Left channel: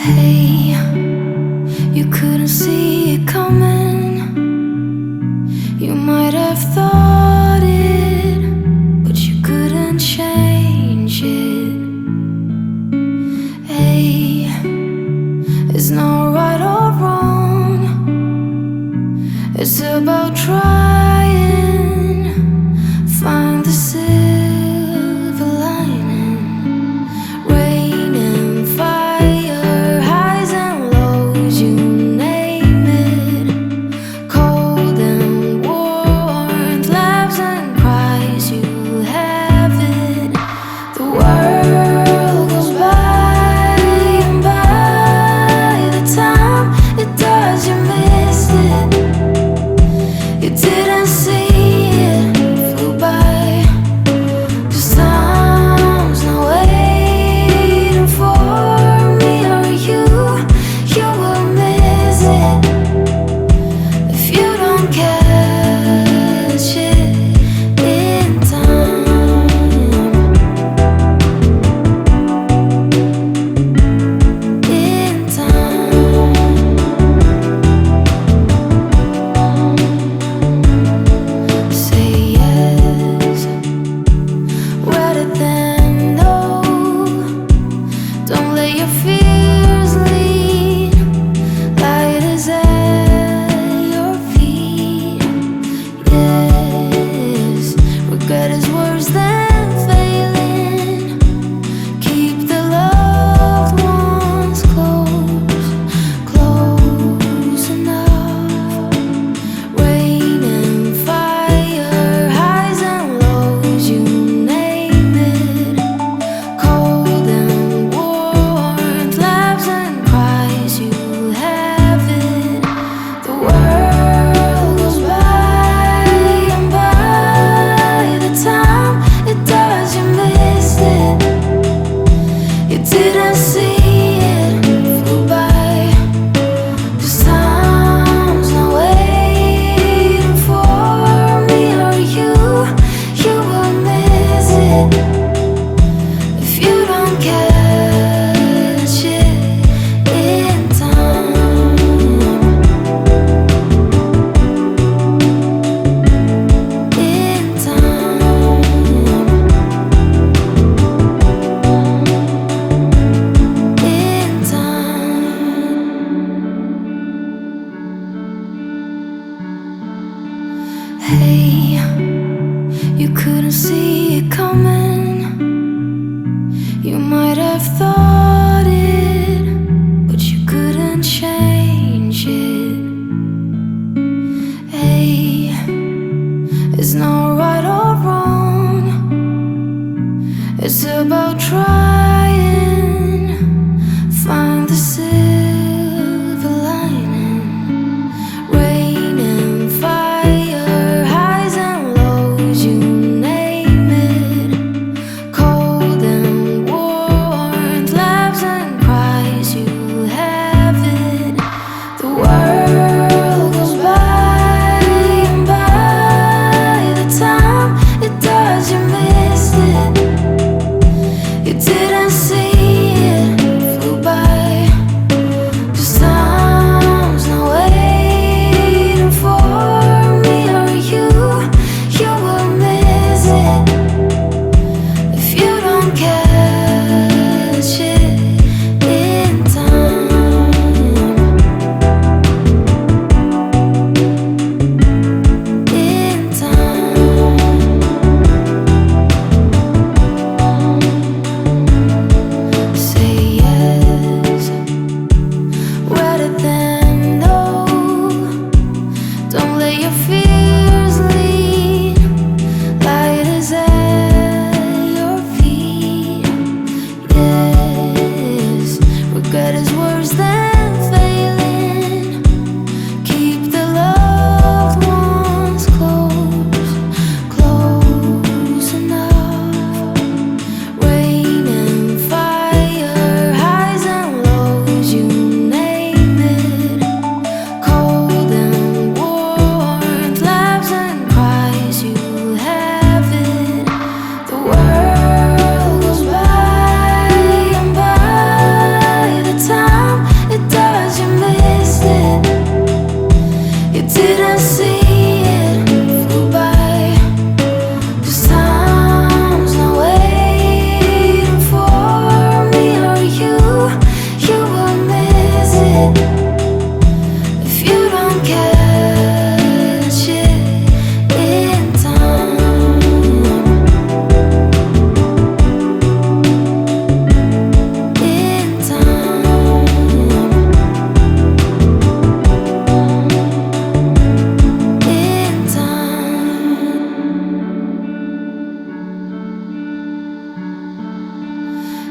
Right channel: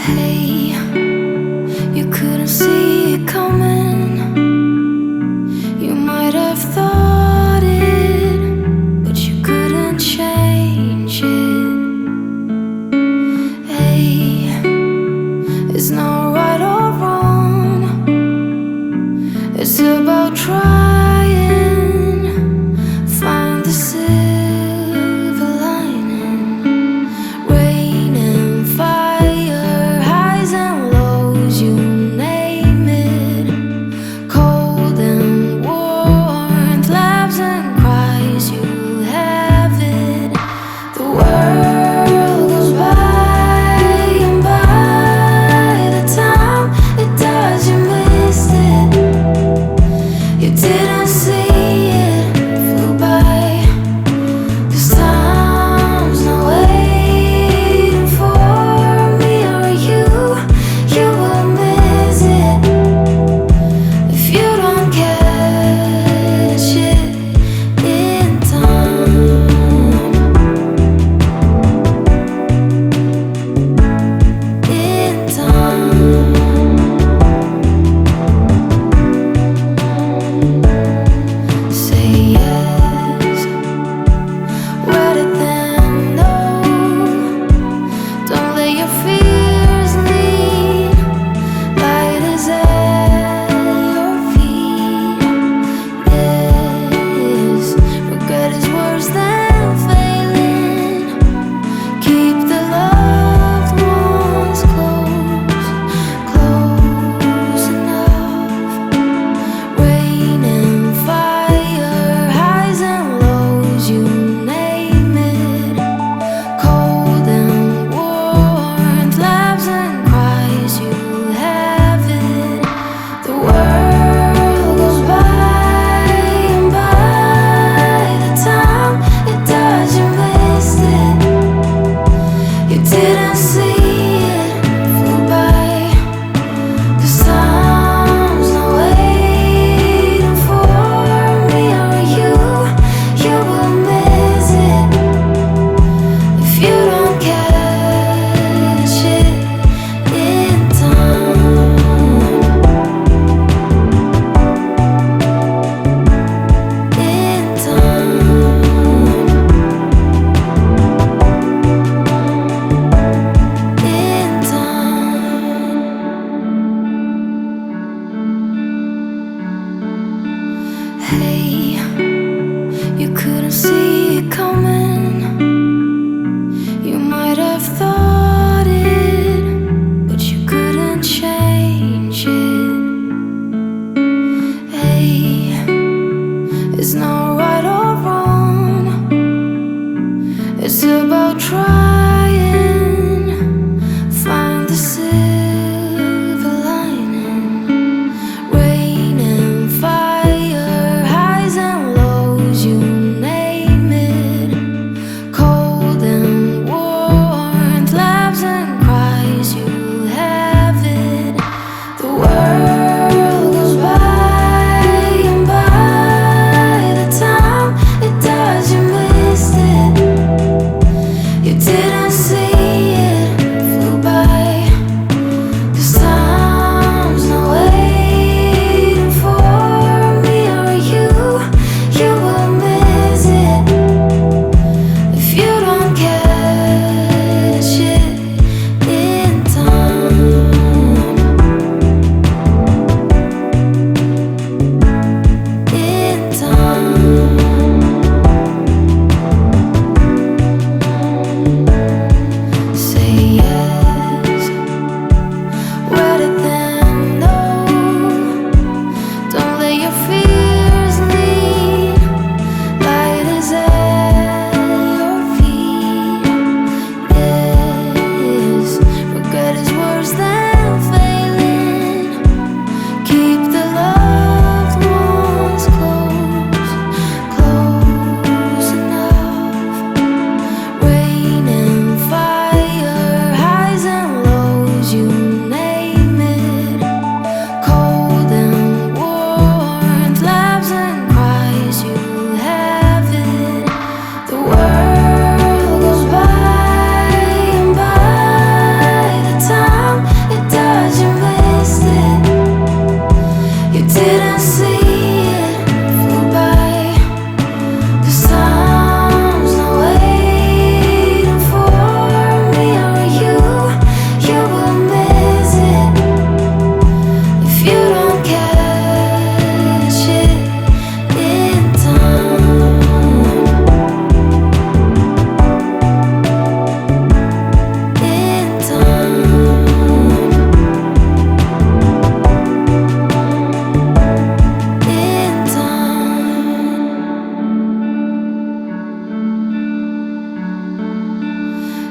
Hey, you couldn't see it coming. You might have thought it, but you couldn't change it. Hey, it's not right or wrong. It's about trying, find the silver lining. Rain and fire, highs and lows, you name it. Cold and warmth, laughs and cries, you have it. The world goes by, and by the time it does, you missed it. You didn't see it, flew by. 'Cause time's not waiting for me or you. You will miss it if you don't catch it in time. In time. Say yes, rather than no. Don't let your fears lead. Light is at your feet. Yes, regret is worse than failing. Keep the loved ones close, close enough. Rain and fire, highs and lows, you name it. Cold and warmth, laughs and cries, you have it. The world goes by, and by the time it does, you missed it. You didn't see it, flew by. 'Cause time's not waiting for me or you. You will miss it if you don't catch it in time. In time. In time. Hey, you couldn't see it coming. You might have thought it, but you couldn't change it. Hey, it's not right or wrong. It's about trying, find the silver lining. Rain and fire, highs and lows, you name it. Cold and warmth, laughs and cries, you have it. The world goes by, and by the time it does, you missed it. You didn't see it, flew by. 'Cause time's not waiting for me or you. You will miss it if you don't catch it in time. In time.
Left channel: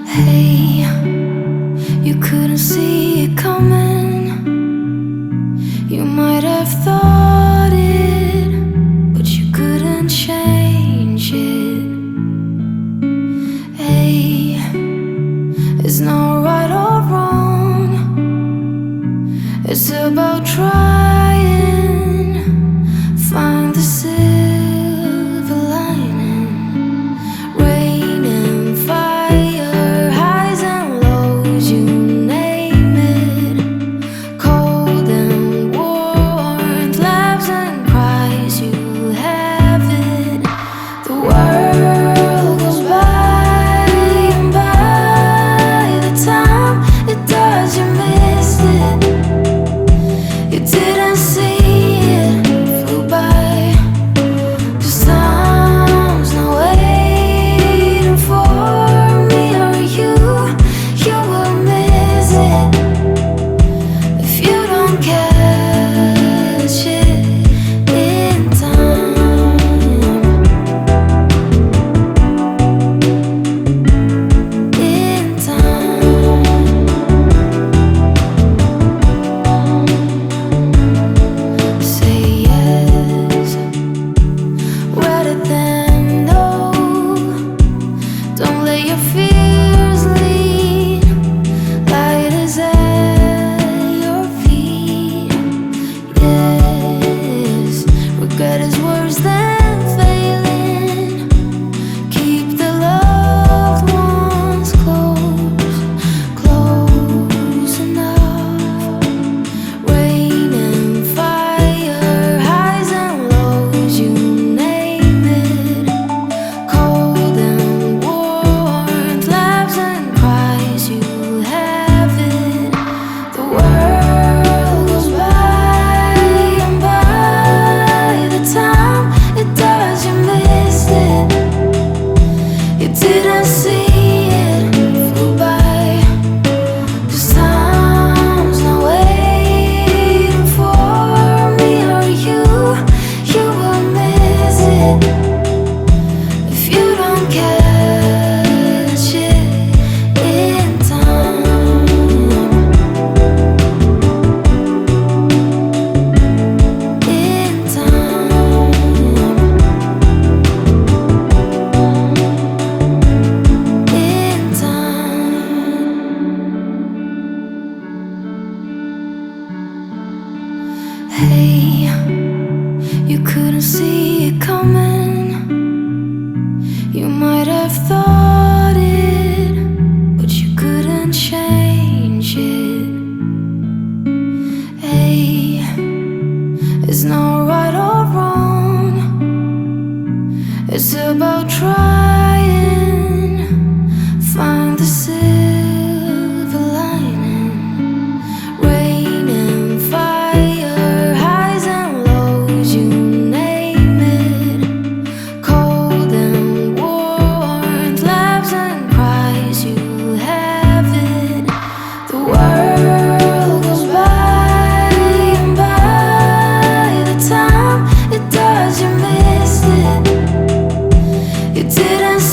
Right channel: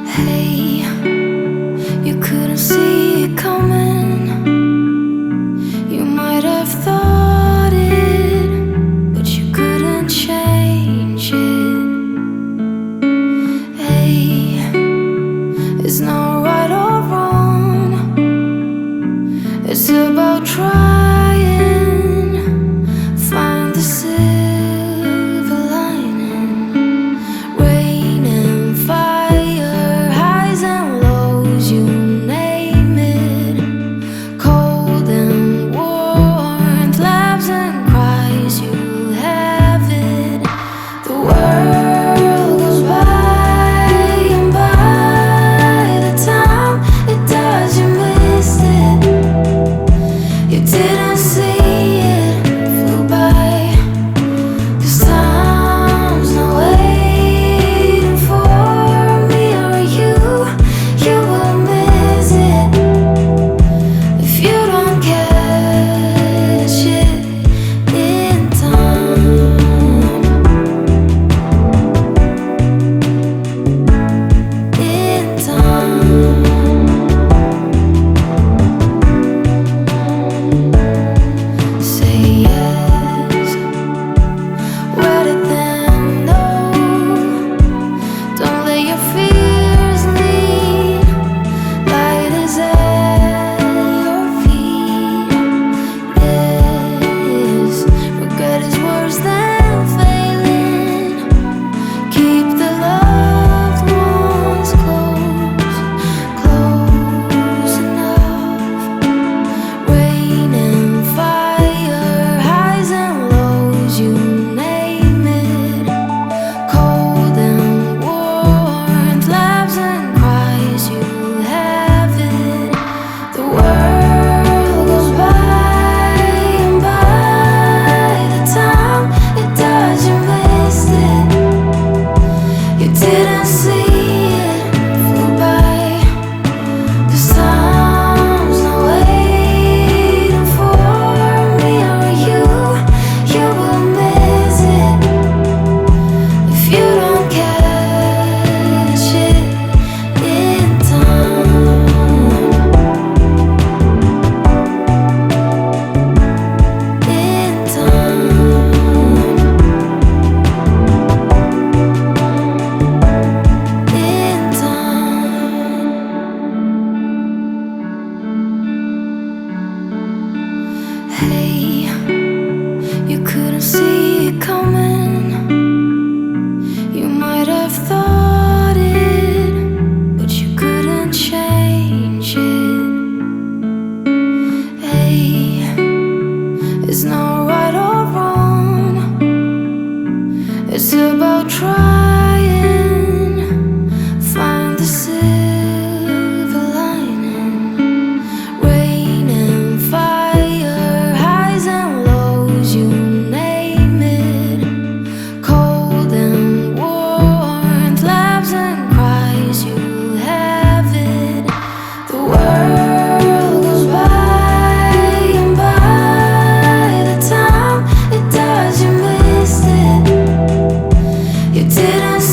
Hey, you couldn't see it coming. You might have thought it, but you couldn't change it. Hey, it's not right or wrong. It's about trying, find the silver lining. Rain and fire, highs and lows, you name it. Cold and warmth, laughs and cries, you have it. The world goes by, and by the time it does, you missed it. You didn't see it, flew by. 'Cause time's not waiting for me or you. You will miss it if you don't catch it in time. In time. Say yes, rather than no. Don't let your fears lead. Light is at your feet. Yes, regret is worse than failing. Keep the loved ones close, close enough. Rain and fire, highs and lows, you name it. Cold and warmth, laughs and cries, you have it. The world goes by, and by the time it does, you missed it. You didn't see it, flew by. 'Cause time's not waiting for me or you. You will miss it if you don't catch it in time. In time. In time. Hey, you couldn't see it coming. You might have thought it, but you couldn't change it. Hey, it's not right or wrong. It's about trying, find the silver lining. Rain and fire, highs and lows, you name it. Cold and warmth, laughs and cries, you have it. The world goes by, and by the time it does, you missed it. You didn't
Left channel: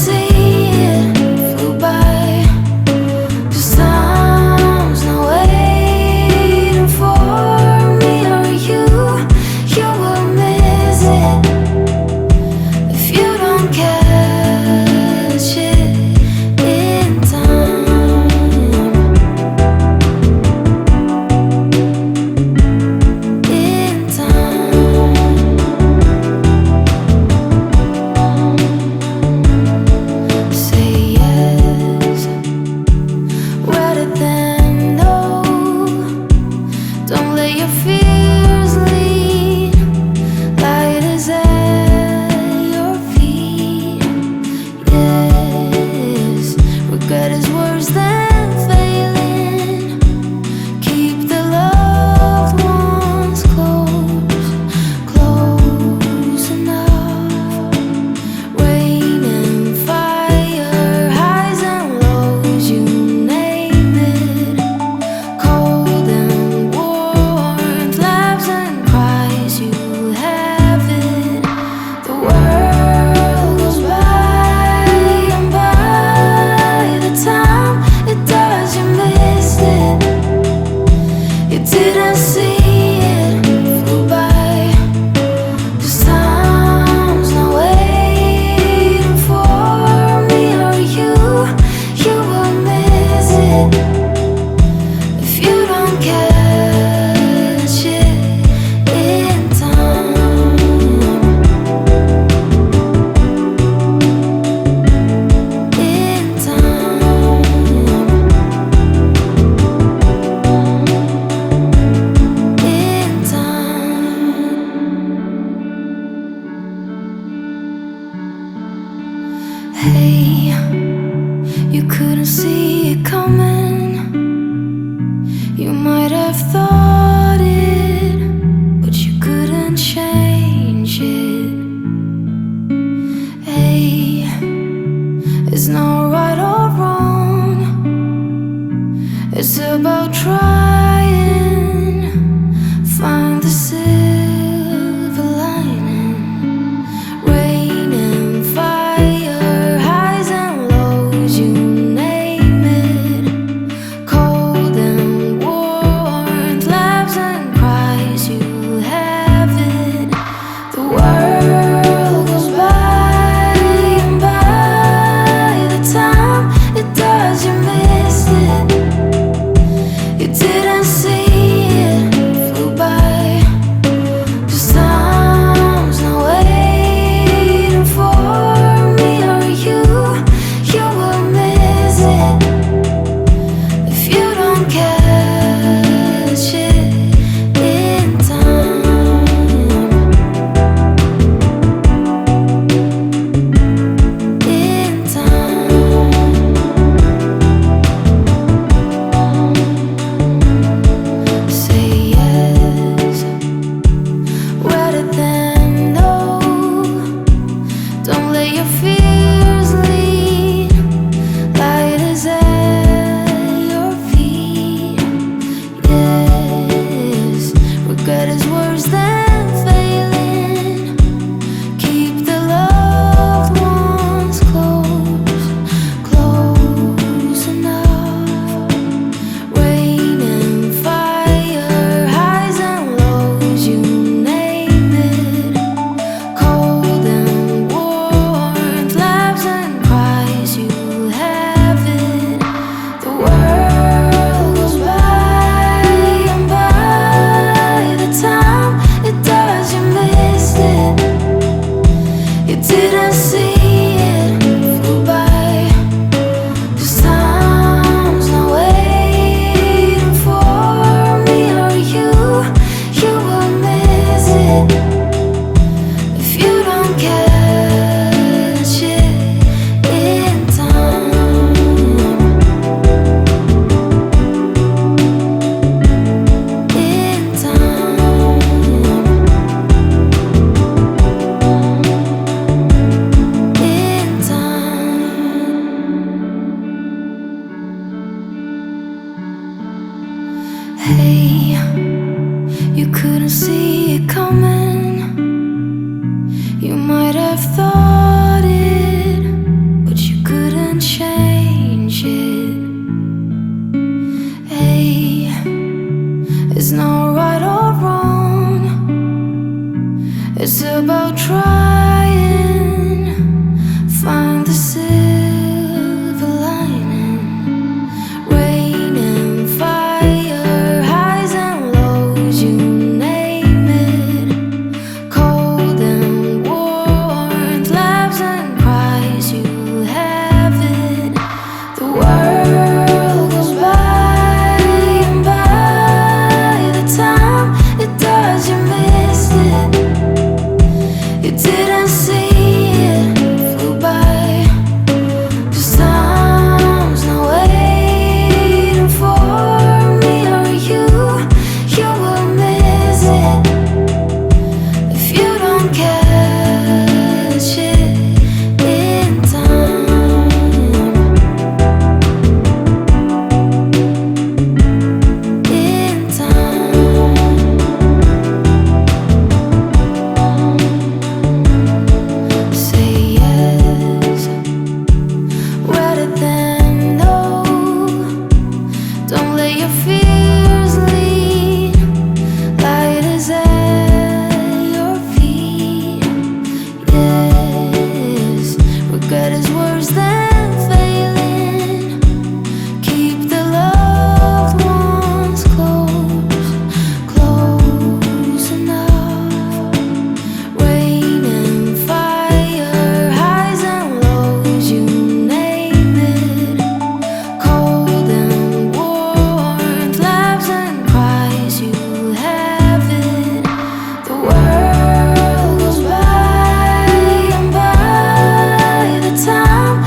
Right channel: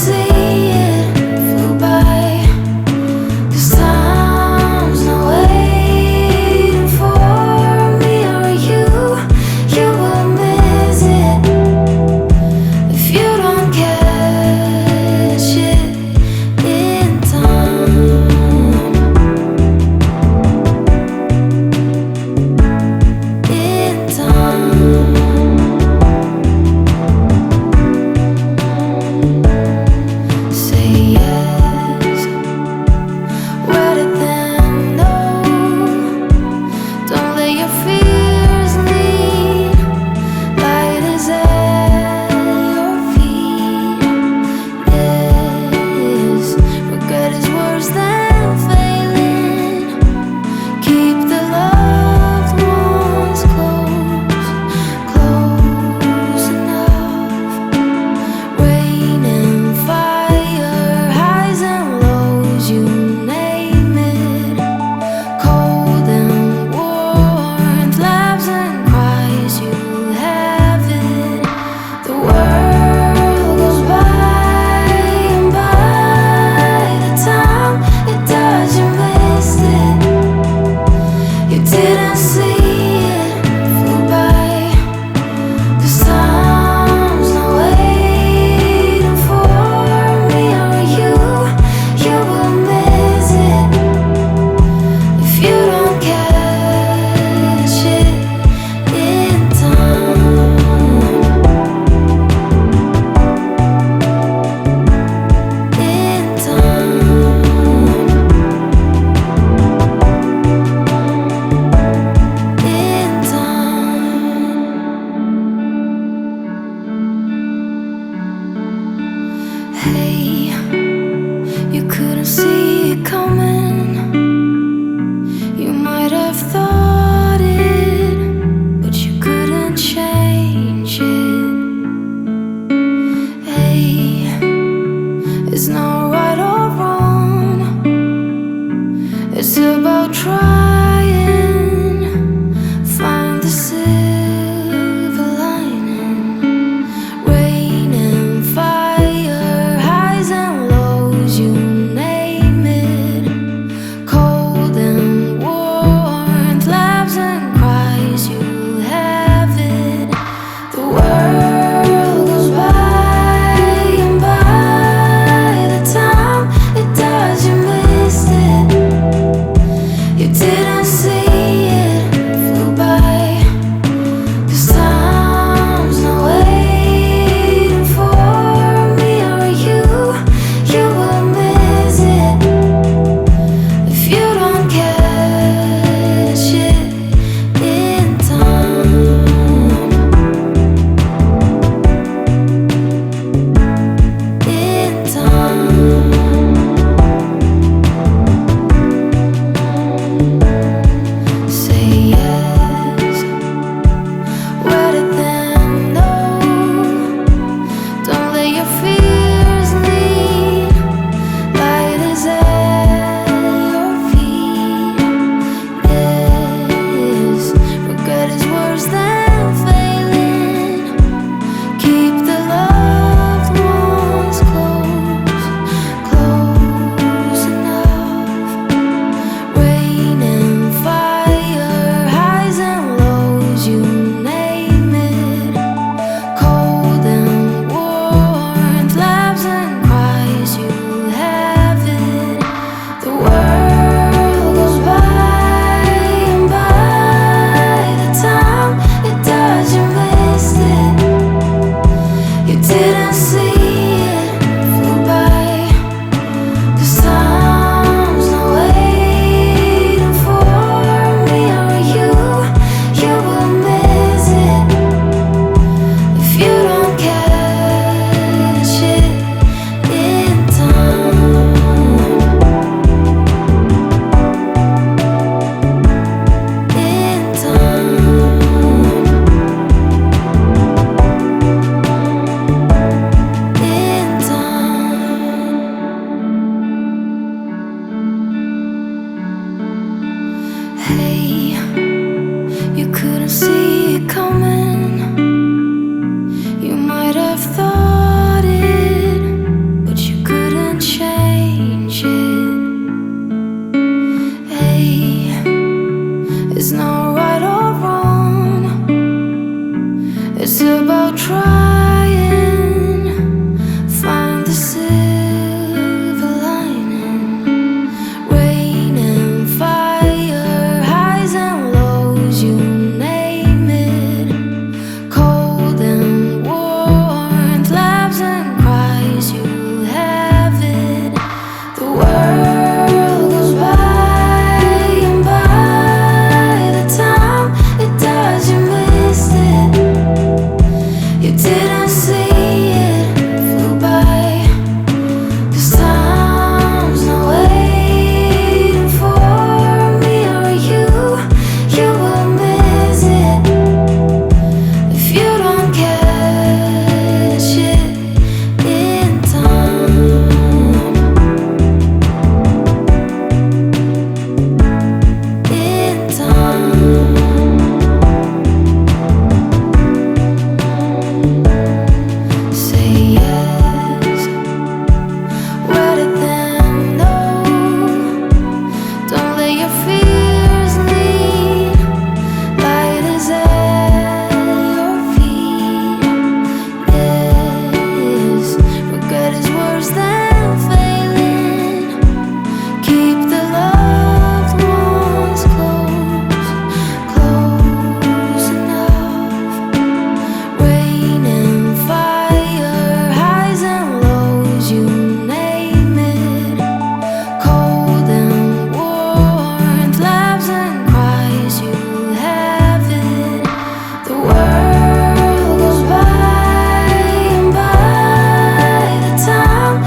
Hey, you couldn't see it coming. You might have thought it, but you couldn't change it. Hey, it's not right or wrong. It's about trying, find the silver lining. Rain and fire, highs and lows, you name it. Cold and warmth, laughs and cries, you have it. The world goes by, and by the time it does, you missed it. You didn't see it, flew by. 'Cause time's not waiting for me or you. You will miss it if you don't catch it in time. In time. Say yes, rather than no. Don't let your fears lead. Light is at your feet. Yes, regret is worse than failing. Keep the loved ones close, close enough. Rain and fire, highs and lows, you name it. Cold and warmth, laughs and cries, you have it. The world goes by, and by the time it does, you missed it. You didn't see it, flew by. 'Cause time's not waiting for me or you. You will miss it if you don't catch it in time. In time. In time. Hey, you couldn't see it coming. You might have thought it, but you couldn't change it. Hey, it's not right or wrong. It's about trying, find the silver lining. Rain and fire, highs and lows, you name it. Cold and warmth, laughs and cries, you have it. The world goes by, and by the time it does, you missed it. You didn't see it, flew by. 'Cause time's not waiting for me or you. You will miss it if you don't catch it in time. In time. Say yes, rather than no. Don't let your fears lead. Light is at your feet. Yes, regret is worse than failing. Keep the loved ones close, close enough. Rain and fire, highs and lows, you name it. Cold and warmth, laughs and cries, you have it. The world goes by, and by the time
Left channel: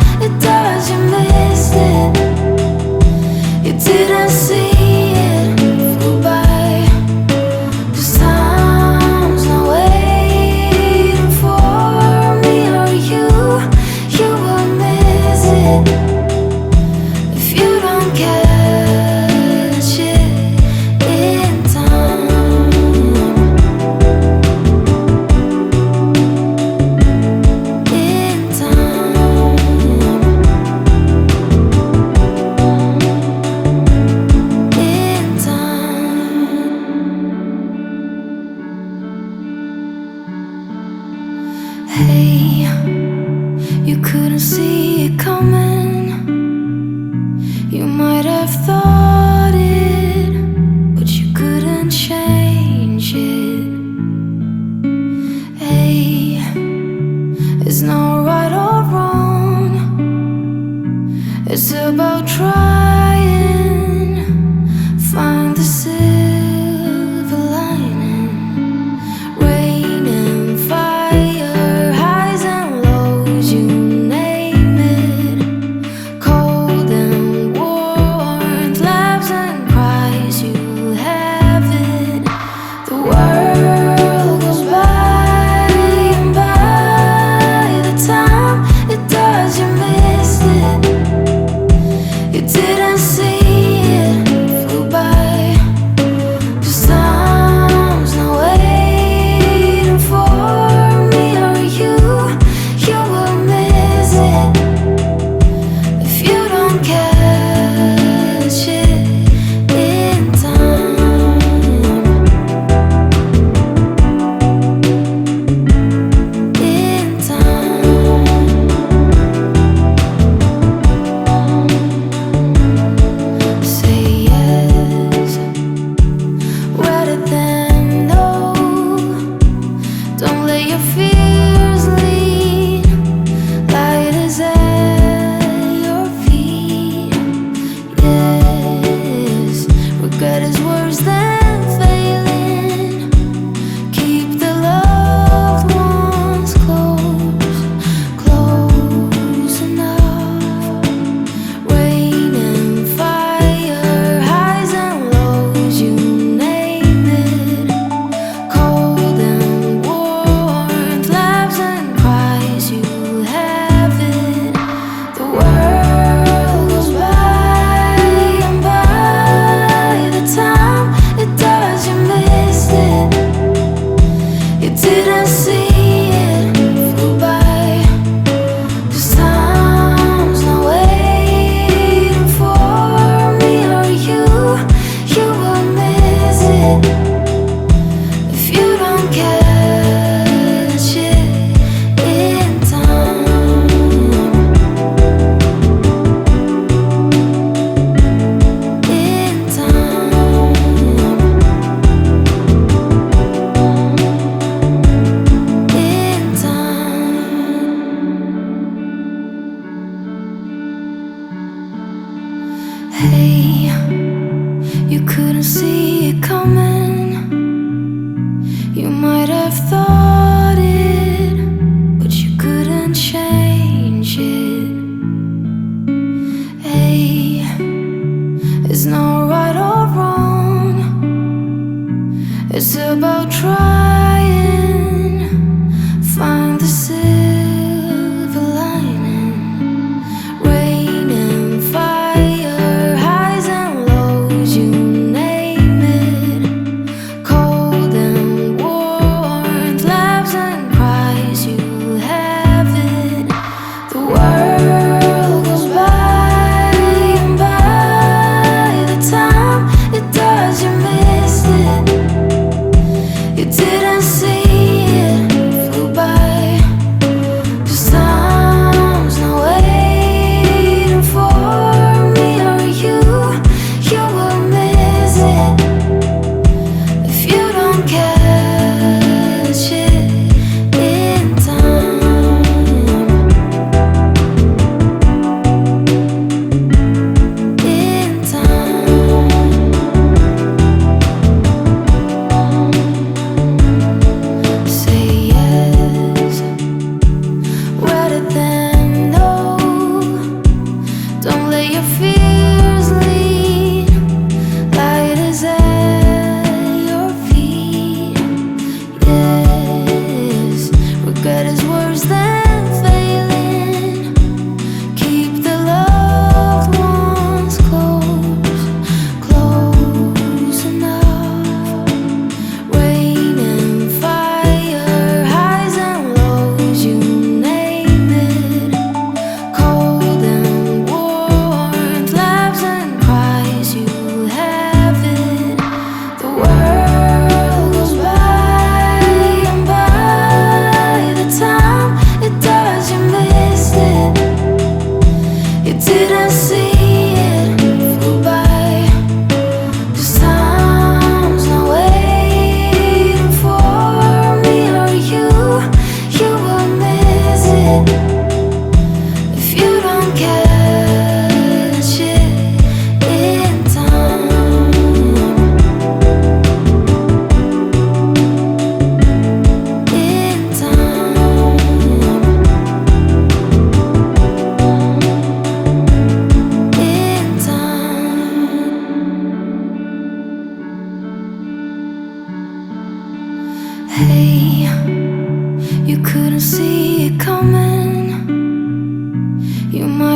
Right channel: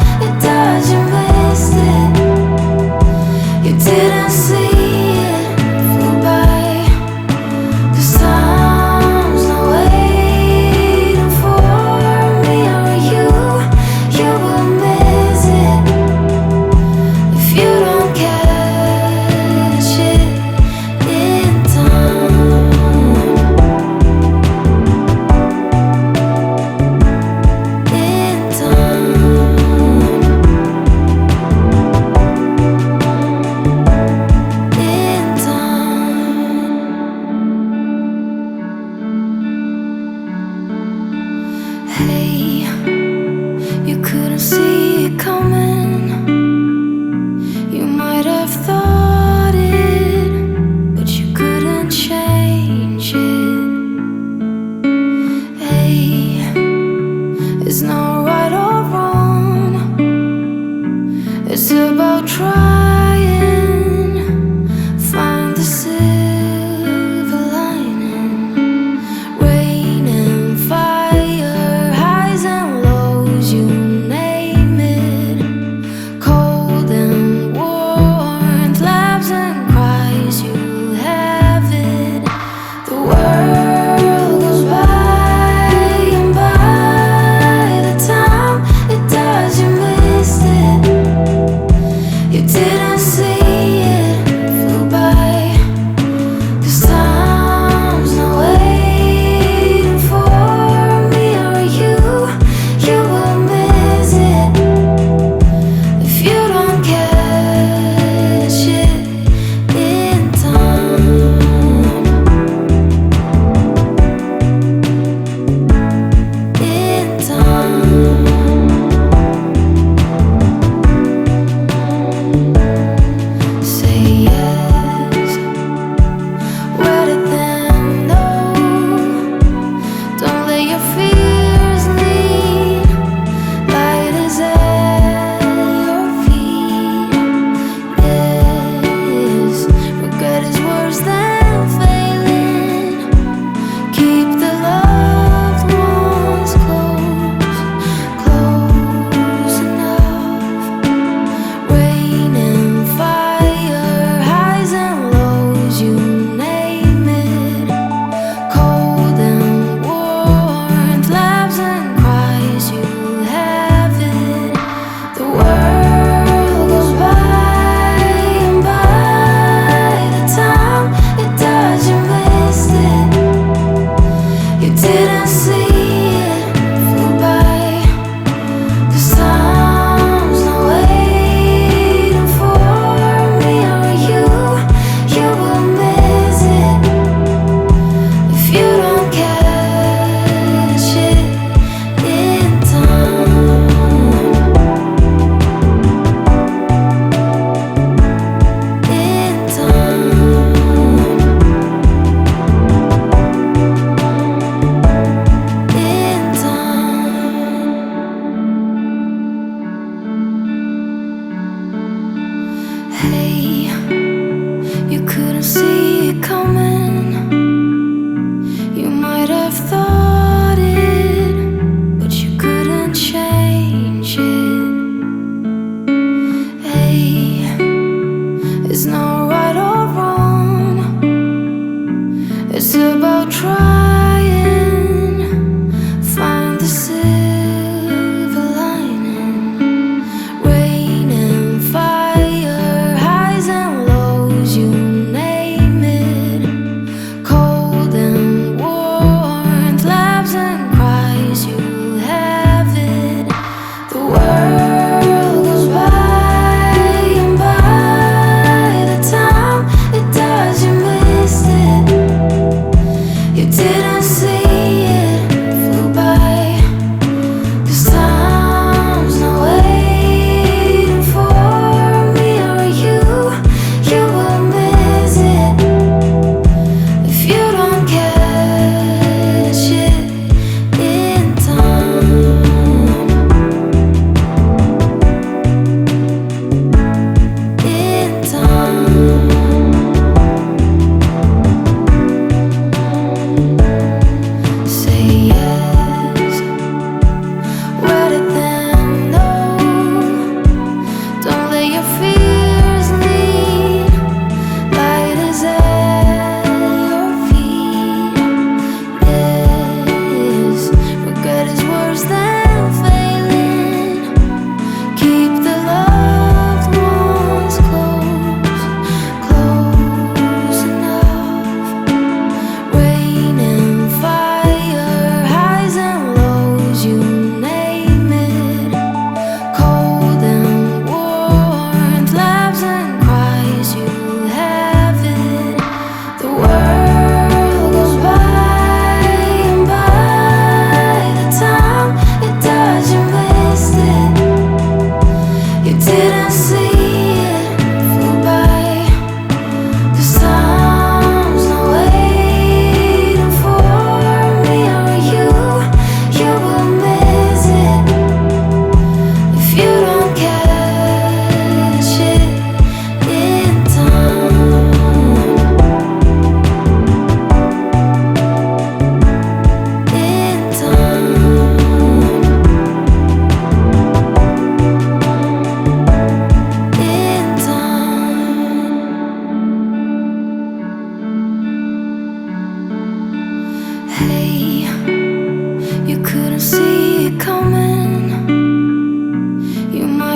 You couldn't see it coming. You might have thought it, but you couldn't change it. Hey, it's not right or wrong. It's about trying, find the silver lining. Rain and fire, highs and lows, you name it. Cold and warmth, laughs and cries, you have it. The world goes by, and by the time it does, you missed it. You didn't see it, flew by. 'Cause time's not waiting for me or you. You will miss it if you don't catch it in time. In time. Say yes rather than no. Don't let your fears lead. Light is at your feet. Yes, regret is worse than failing. Keep the loved ones close, close enough. Rain and fire, highs and lows, you name it. Cold and warmth, laughs and cries, you have it. The world goes by, and by the time it does, you missed it. You didn't see it, flew by. 'Cause time's not waiting for me or you. You will miss it if you don't catch it in time. In time. In time. Hey, you couldn't see it coming. You might have thought it, but you couldn't change it. Hey, it's not right or wrong. It's about trying, find the silver lining. Rain and fire, highs and lows, you name it. Cold and warmth, laughs and cries, you have it. The world goes by, and by the time it does, you missed it. You didn't see it, flew by. 'Cause time's not waiting for me or you. You will miss it if you don't catch it in time. In time. Say yes rather than no. Don't let your fears lead. Light is at your feet. Yes, regret is worse than failing. Keep the loved ones close, close enough. Rain and fire, highs and lows, you name it. Cold and warmth,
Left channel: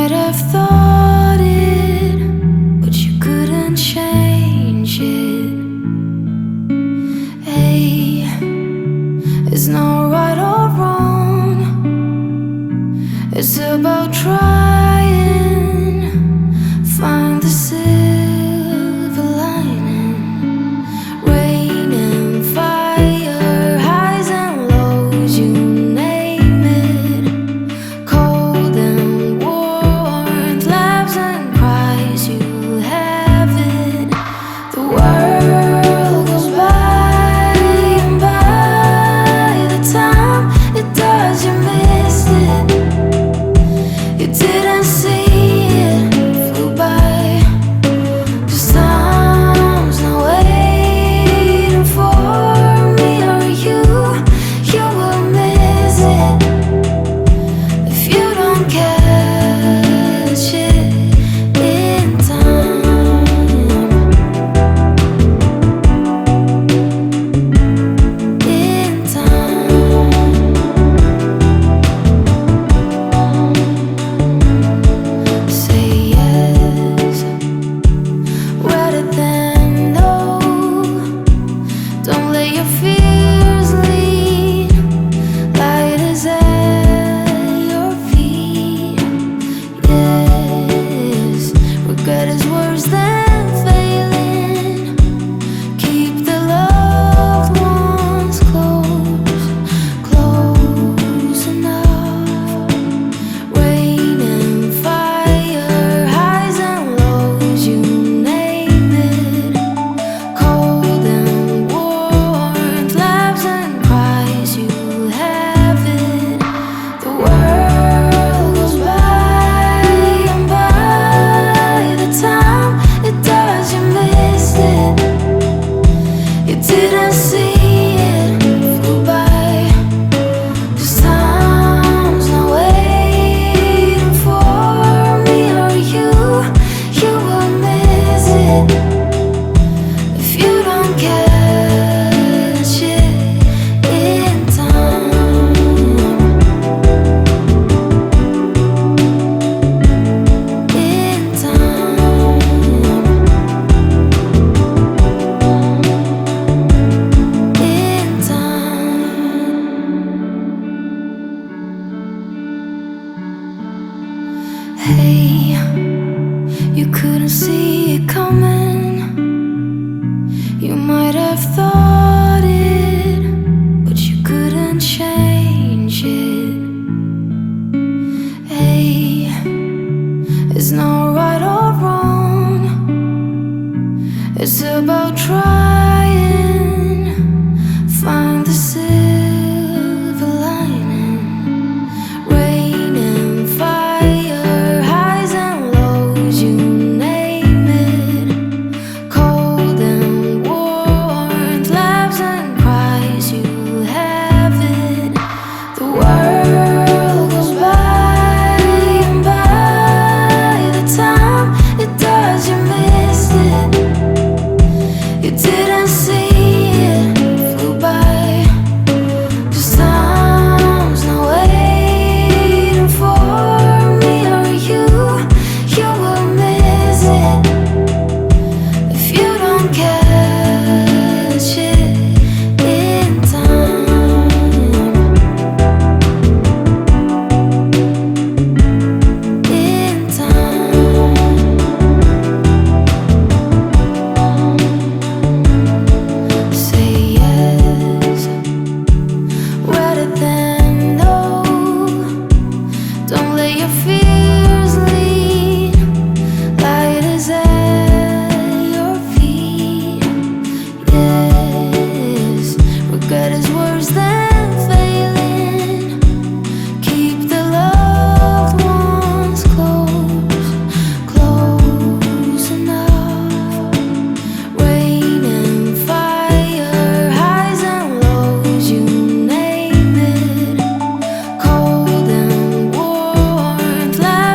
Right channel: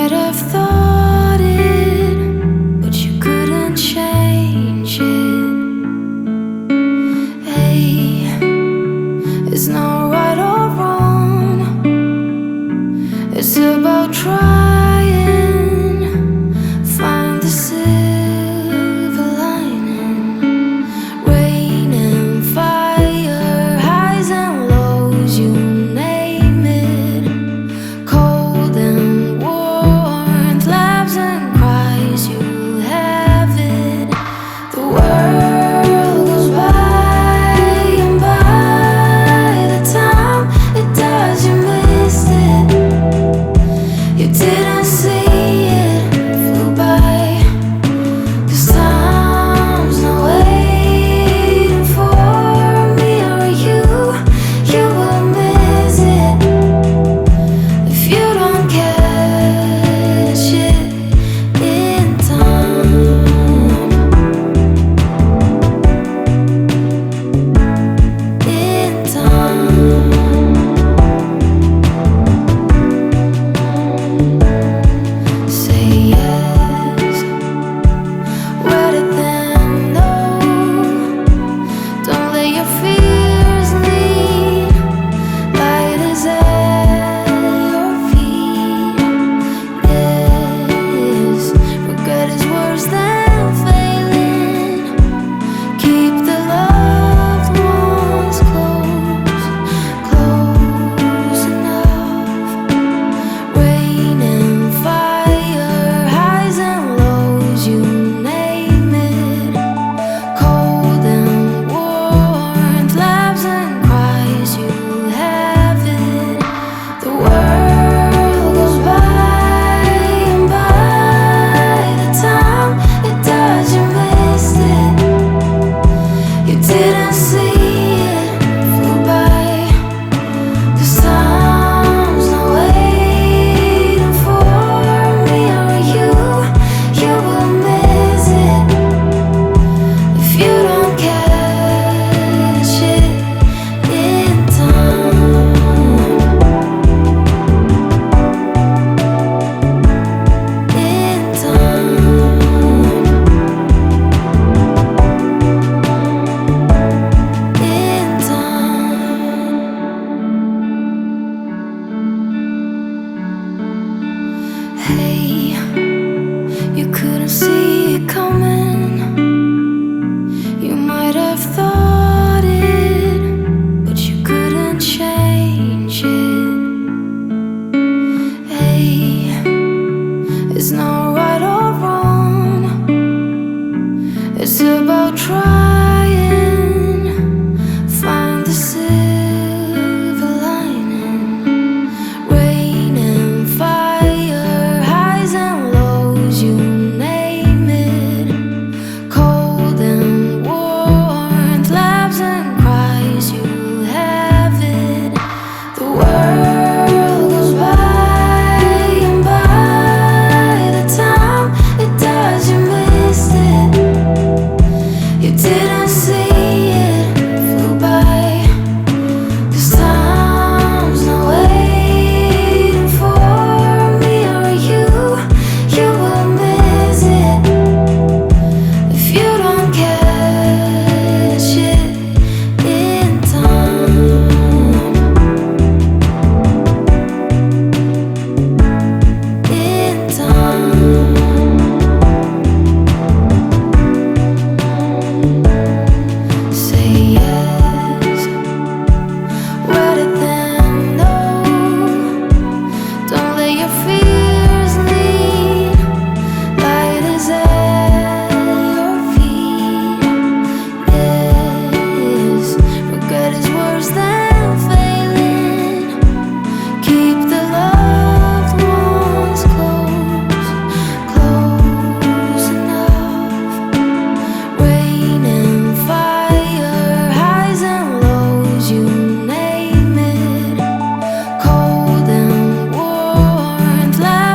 might have thought it, but you couldn't change it. Hey, it's not right or wrong. It's about trying, find the silver lining. Rain and fire, highs and lows, you name it. Cold and warmth, laughs and cries, you have it. The world goes by, and by the time it does, you missed it. You didn't see it, flew by. 'Cause time's not waiting for me or you. You will miss it if you don't catch it in time. In time. Say yes rather than no. Don't let your fears lead. Light is at your feet. Yes, regret is worse than failing. Keep the loved ones close, close enough. Rain and fire, highs and lows, you name it. Cold and warmth, laughs and cries, you have it. The world goes by, and by the time it does, you missed it. You didn't see it, flew by. 'Cause time's not waiting for me or you. You will miss it if you don't catch it in time. In time. In time. Hey, you couldn't see it coming. You might have thought it, but you couldn't change it. Hey, it's not right or wrong. It's about trying, find the silver lining. Rain and fire, highs and lows, you name it. Cold and warmth, laughs and cries, you have it. The world goes by, and by the time it does, you missed it. You didn't see it, flew by. 'Cause time's not waiting for me or you. You will miss it if you don't catch it in time. In time. Say yes rather than no. Don't let your fears lead. Light is at your feet. Yes, regret is worse than failing. Keep the loved ones close, close enough. Rain and fire, highs and lows, you name it. Cold and warmth,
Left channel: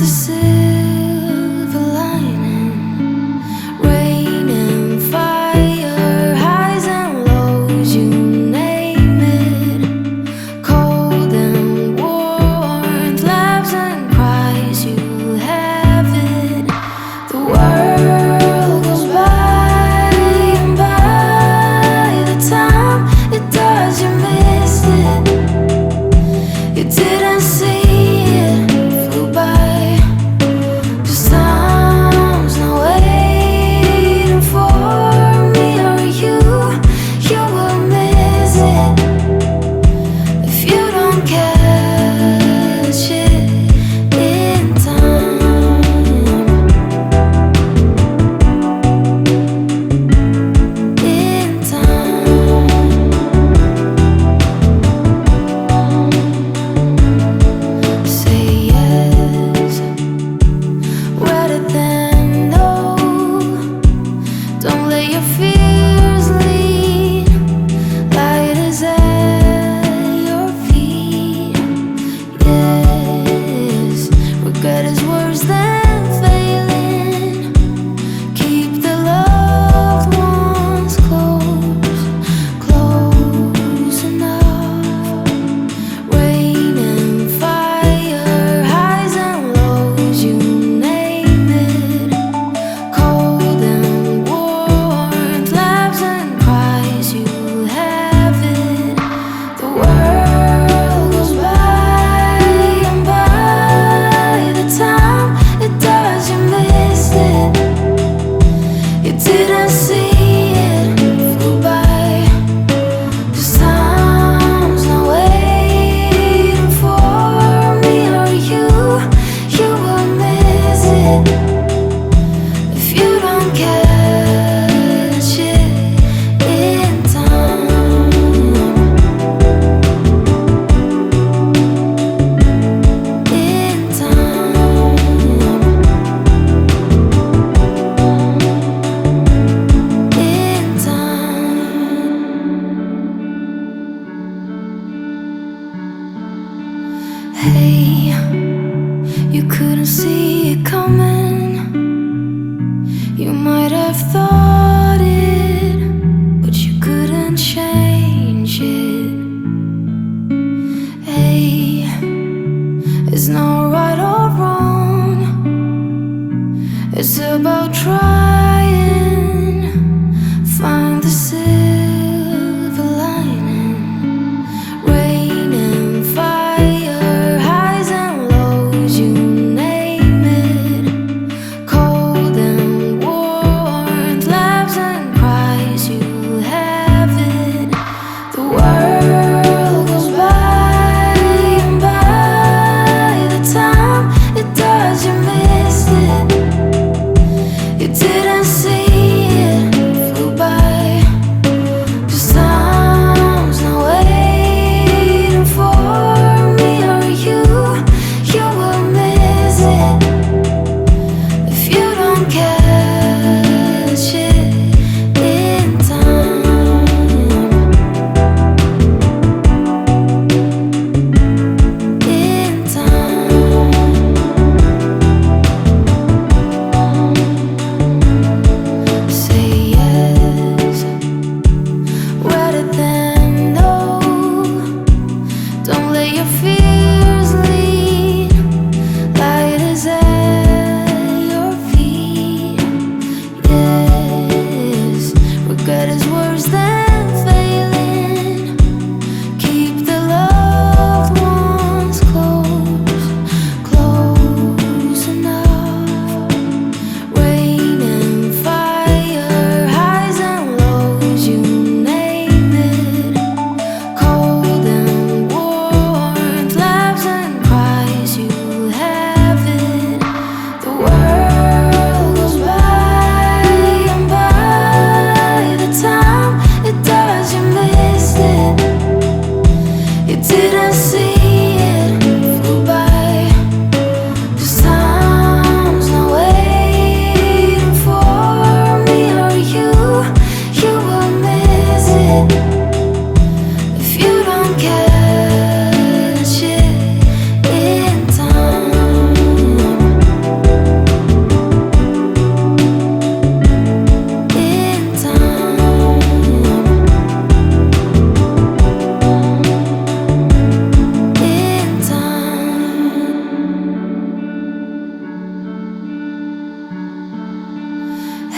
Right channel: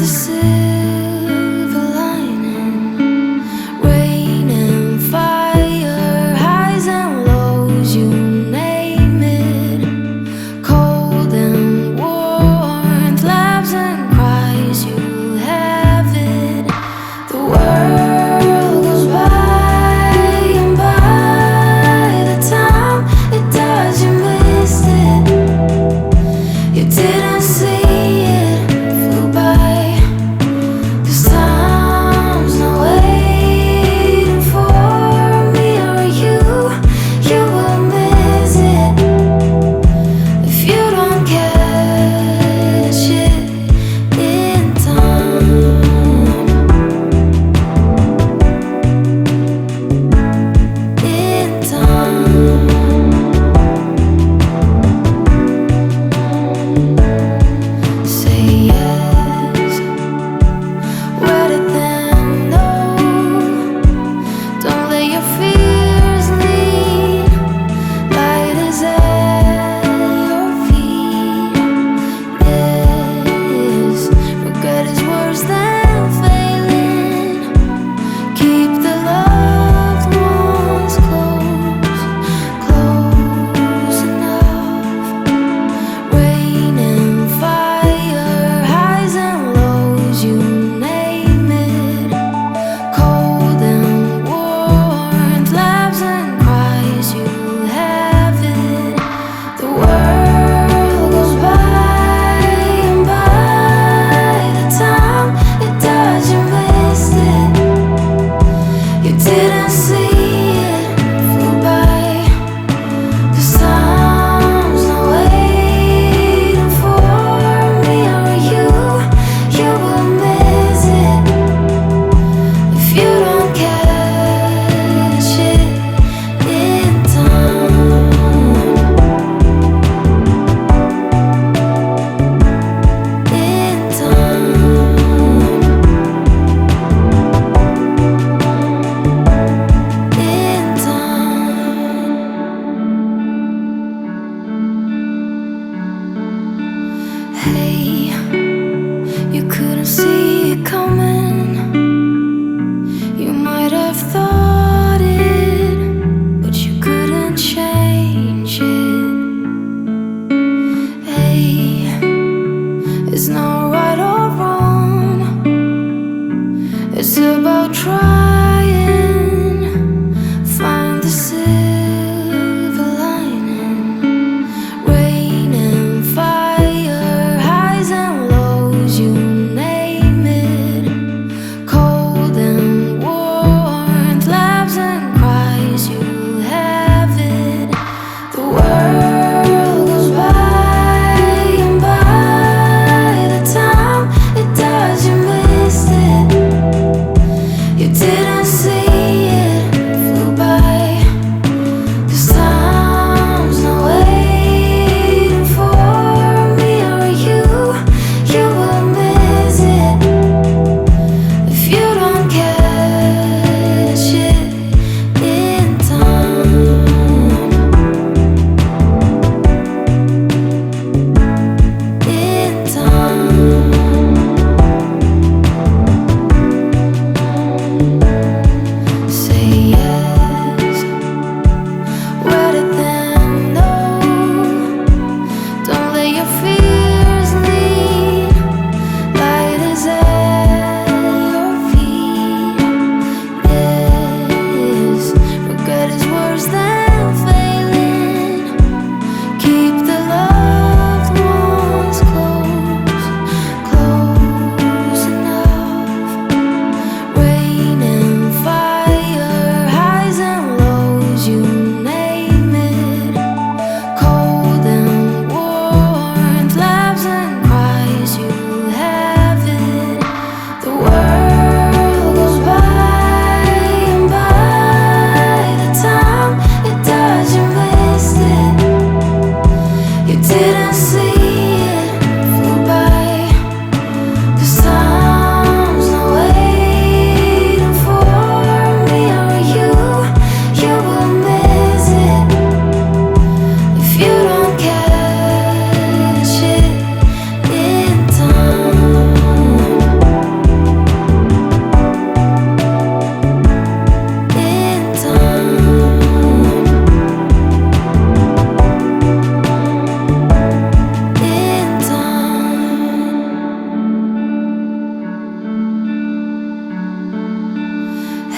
the silver lining. Rain and fire, highs and lows, you name it. Cold and warmth, laughs and cries, you have it. The world goes by, and by the time it does, you missed it. You didn't see it, flew by. 'Cause time's not waiting for me or you. You will miss it if you don't catch it in time. In time. Say yes rather than no. Don't let your fears lead. Light is at your feet. Yes, regret is worse than failing. Keep the loved ones close, close enough. Rain and fire, highs and lows, you name it. Cold and warmth, laughs and cries, you have it. The world goes by, and by the time it does, you missed it. You didn't see it, flew by. 'Cause time's not waiting for me or you. You will miss it if you don't catch it in time. In time. In time. Hey, you couldn't see it coming. You might have thought it, but you couldn't change it. Hey, it's not right or wrong. It's about trying. Find the silver lining. Rain and fire, highs and lows, you name it. Cold and warmth, laughs and cries, you have it. The world goes by, and by the time it does, you missed it. You didn't see it, flew by. 'Cause time's not waiting for me or you. You will miss it if you don't catch it in time. In time. Say yes rather than no. Don't let your fears lead. Light is at your feet. Yes, regret is worse than failing. Keep the loved ones close, close enough. Rain and fire, highs and lows, you name it. Cold and warmth, laughs and cries, you have it.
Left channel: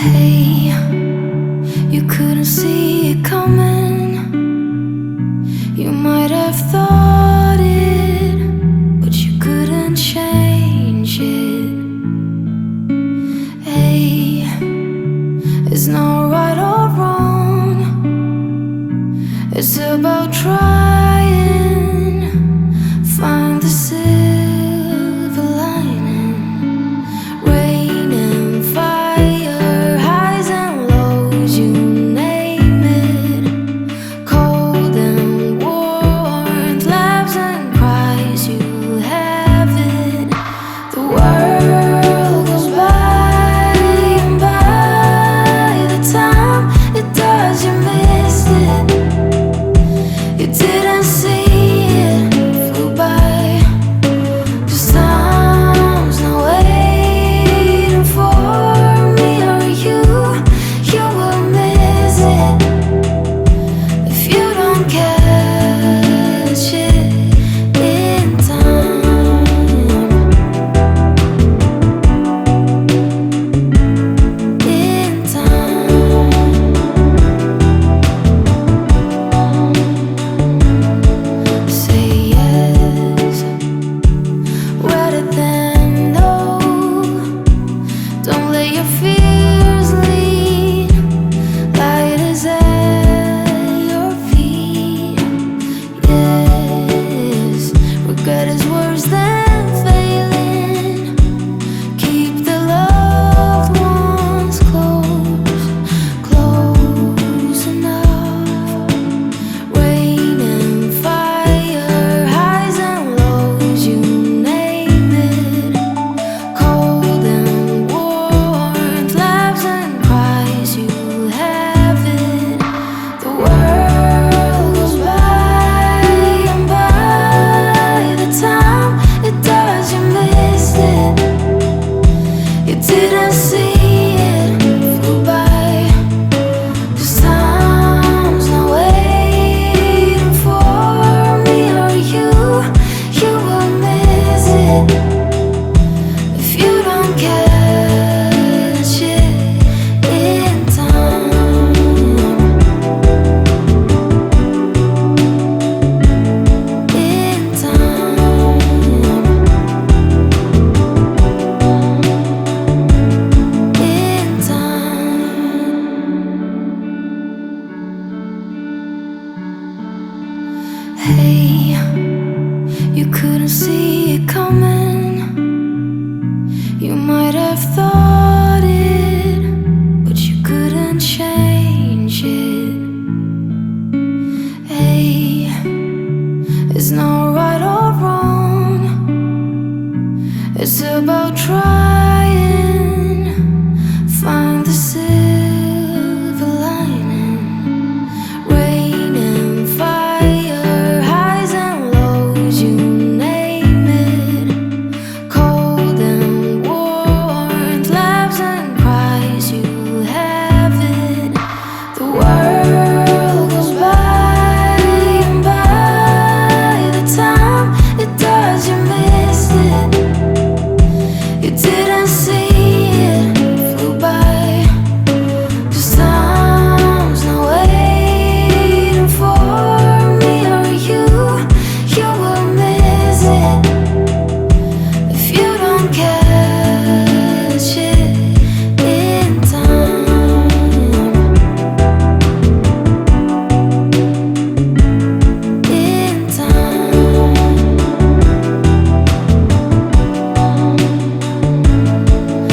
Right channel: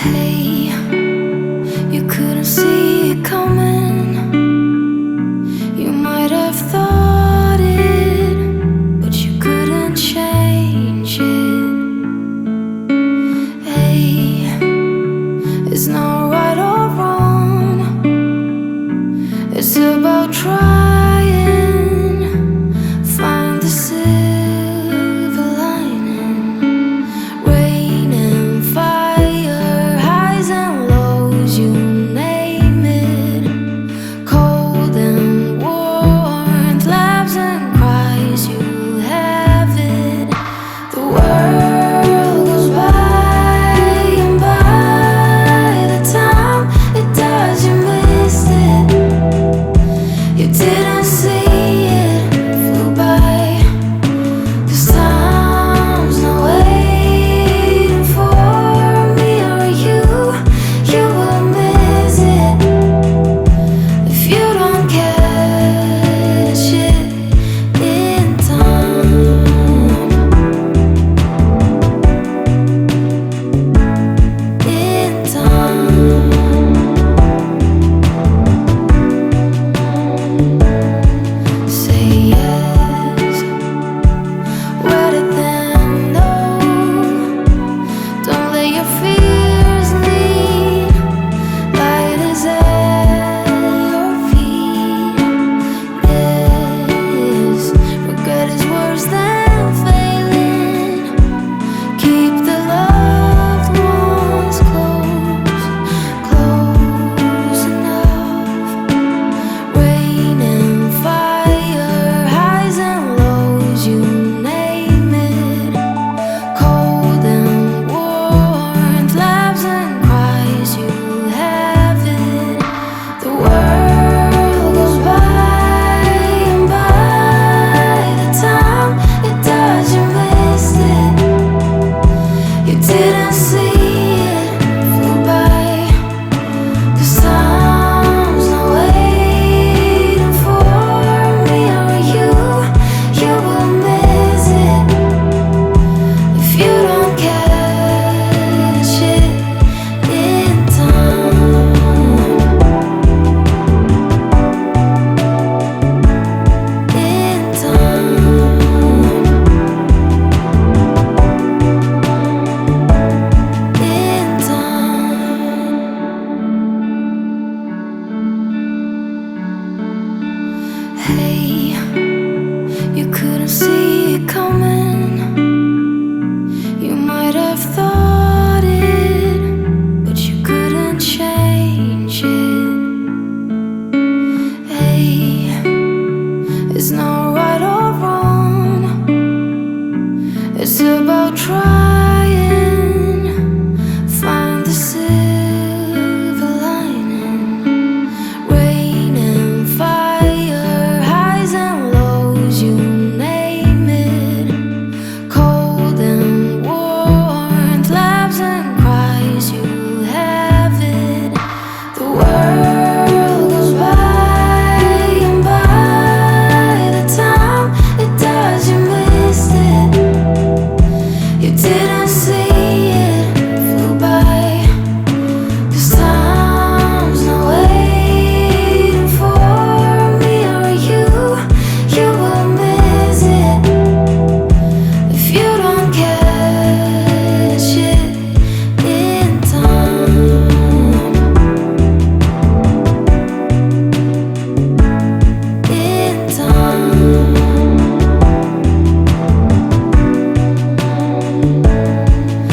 Hey, you couldn't see it coming. You might have thought it, but you couldn't change it. Hey, it's not right or wrong. It's about trying, find the silver lining. Rain and fire, highs and lows, you name it. Cold and warmth, laughs and cries, you have it. The world goes by, and by the time it does, you missed it. You didn't see it, flew by. 'Cause time's not waiting for me or you. You will miss it if you don't catch it in time. In time. Say yes rather than no. Don't let your fears lead. Light is at your feet. Yes, regret is worse than failing. Keep the loved ones close, close enough. Rain and fire, highs and lows, you name it. Cold and warmth, laughs and cries, you have it. The world goes by, and by the time it does, you missed it. You didn't see it, flew by. 'Cause time's not waiting for me or you. You will miss it if you don't catch it in time. In time. In time. Hey, you couldn't see it coming. You might have thought it, but you couldn't change it. Hey, it's not right or wrong. It's about trying, find the silver lining. Rain and fire, highs and lows, you name it. Cold and warmth, laughs and cries, you have it. The world goes by, and by the time it does, you missed it. You didn't see it, flew by. 'Cause time's not waiting for me or you. You will miss it if you don't catch it in time. In time.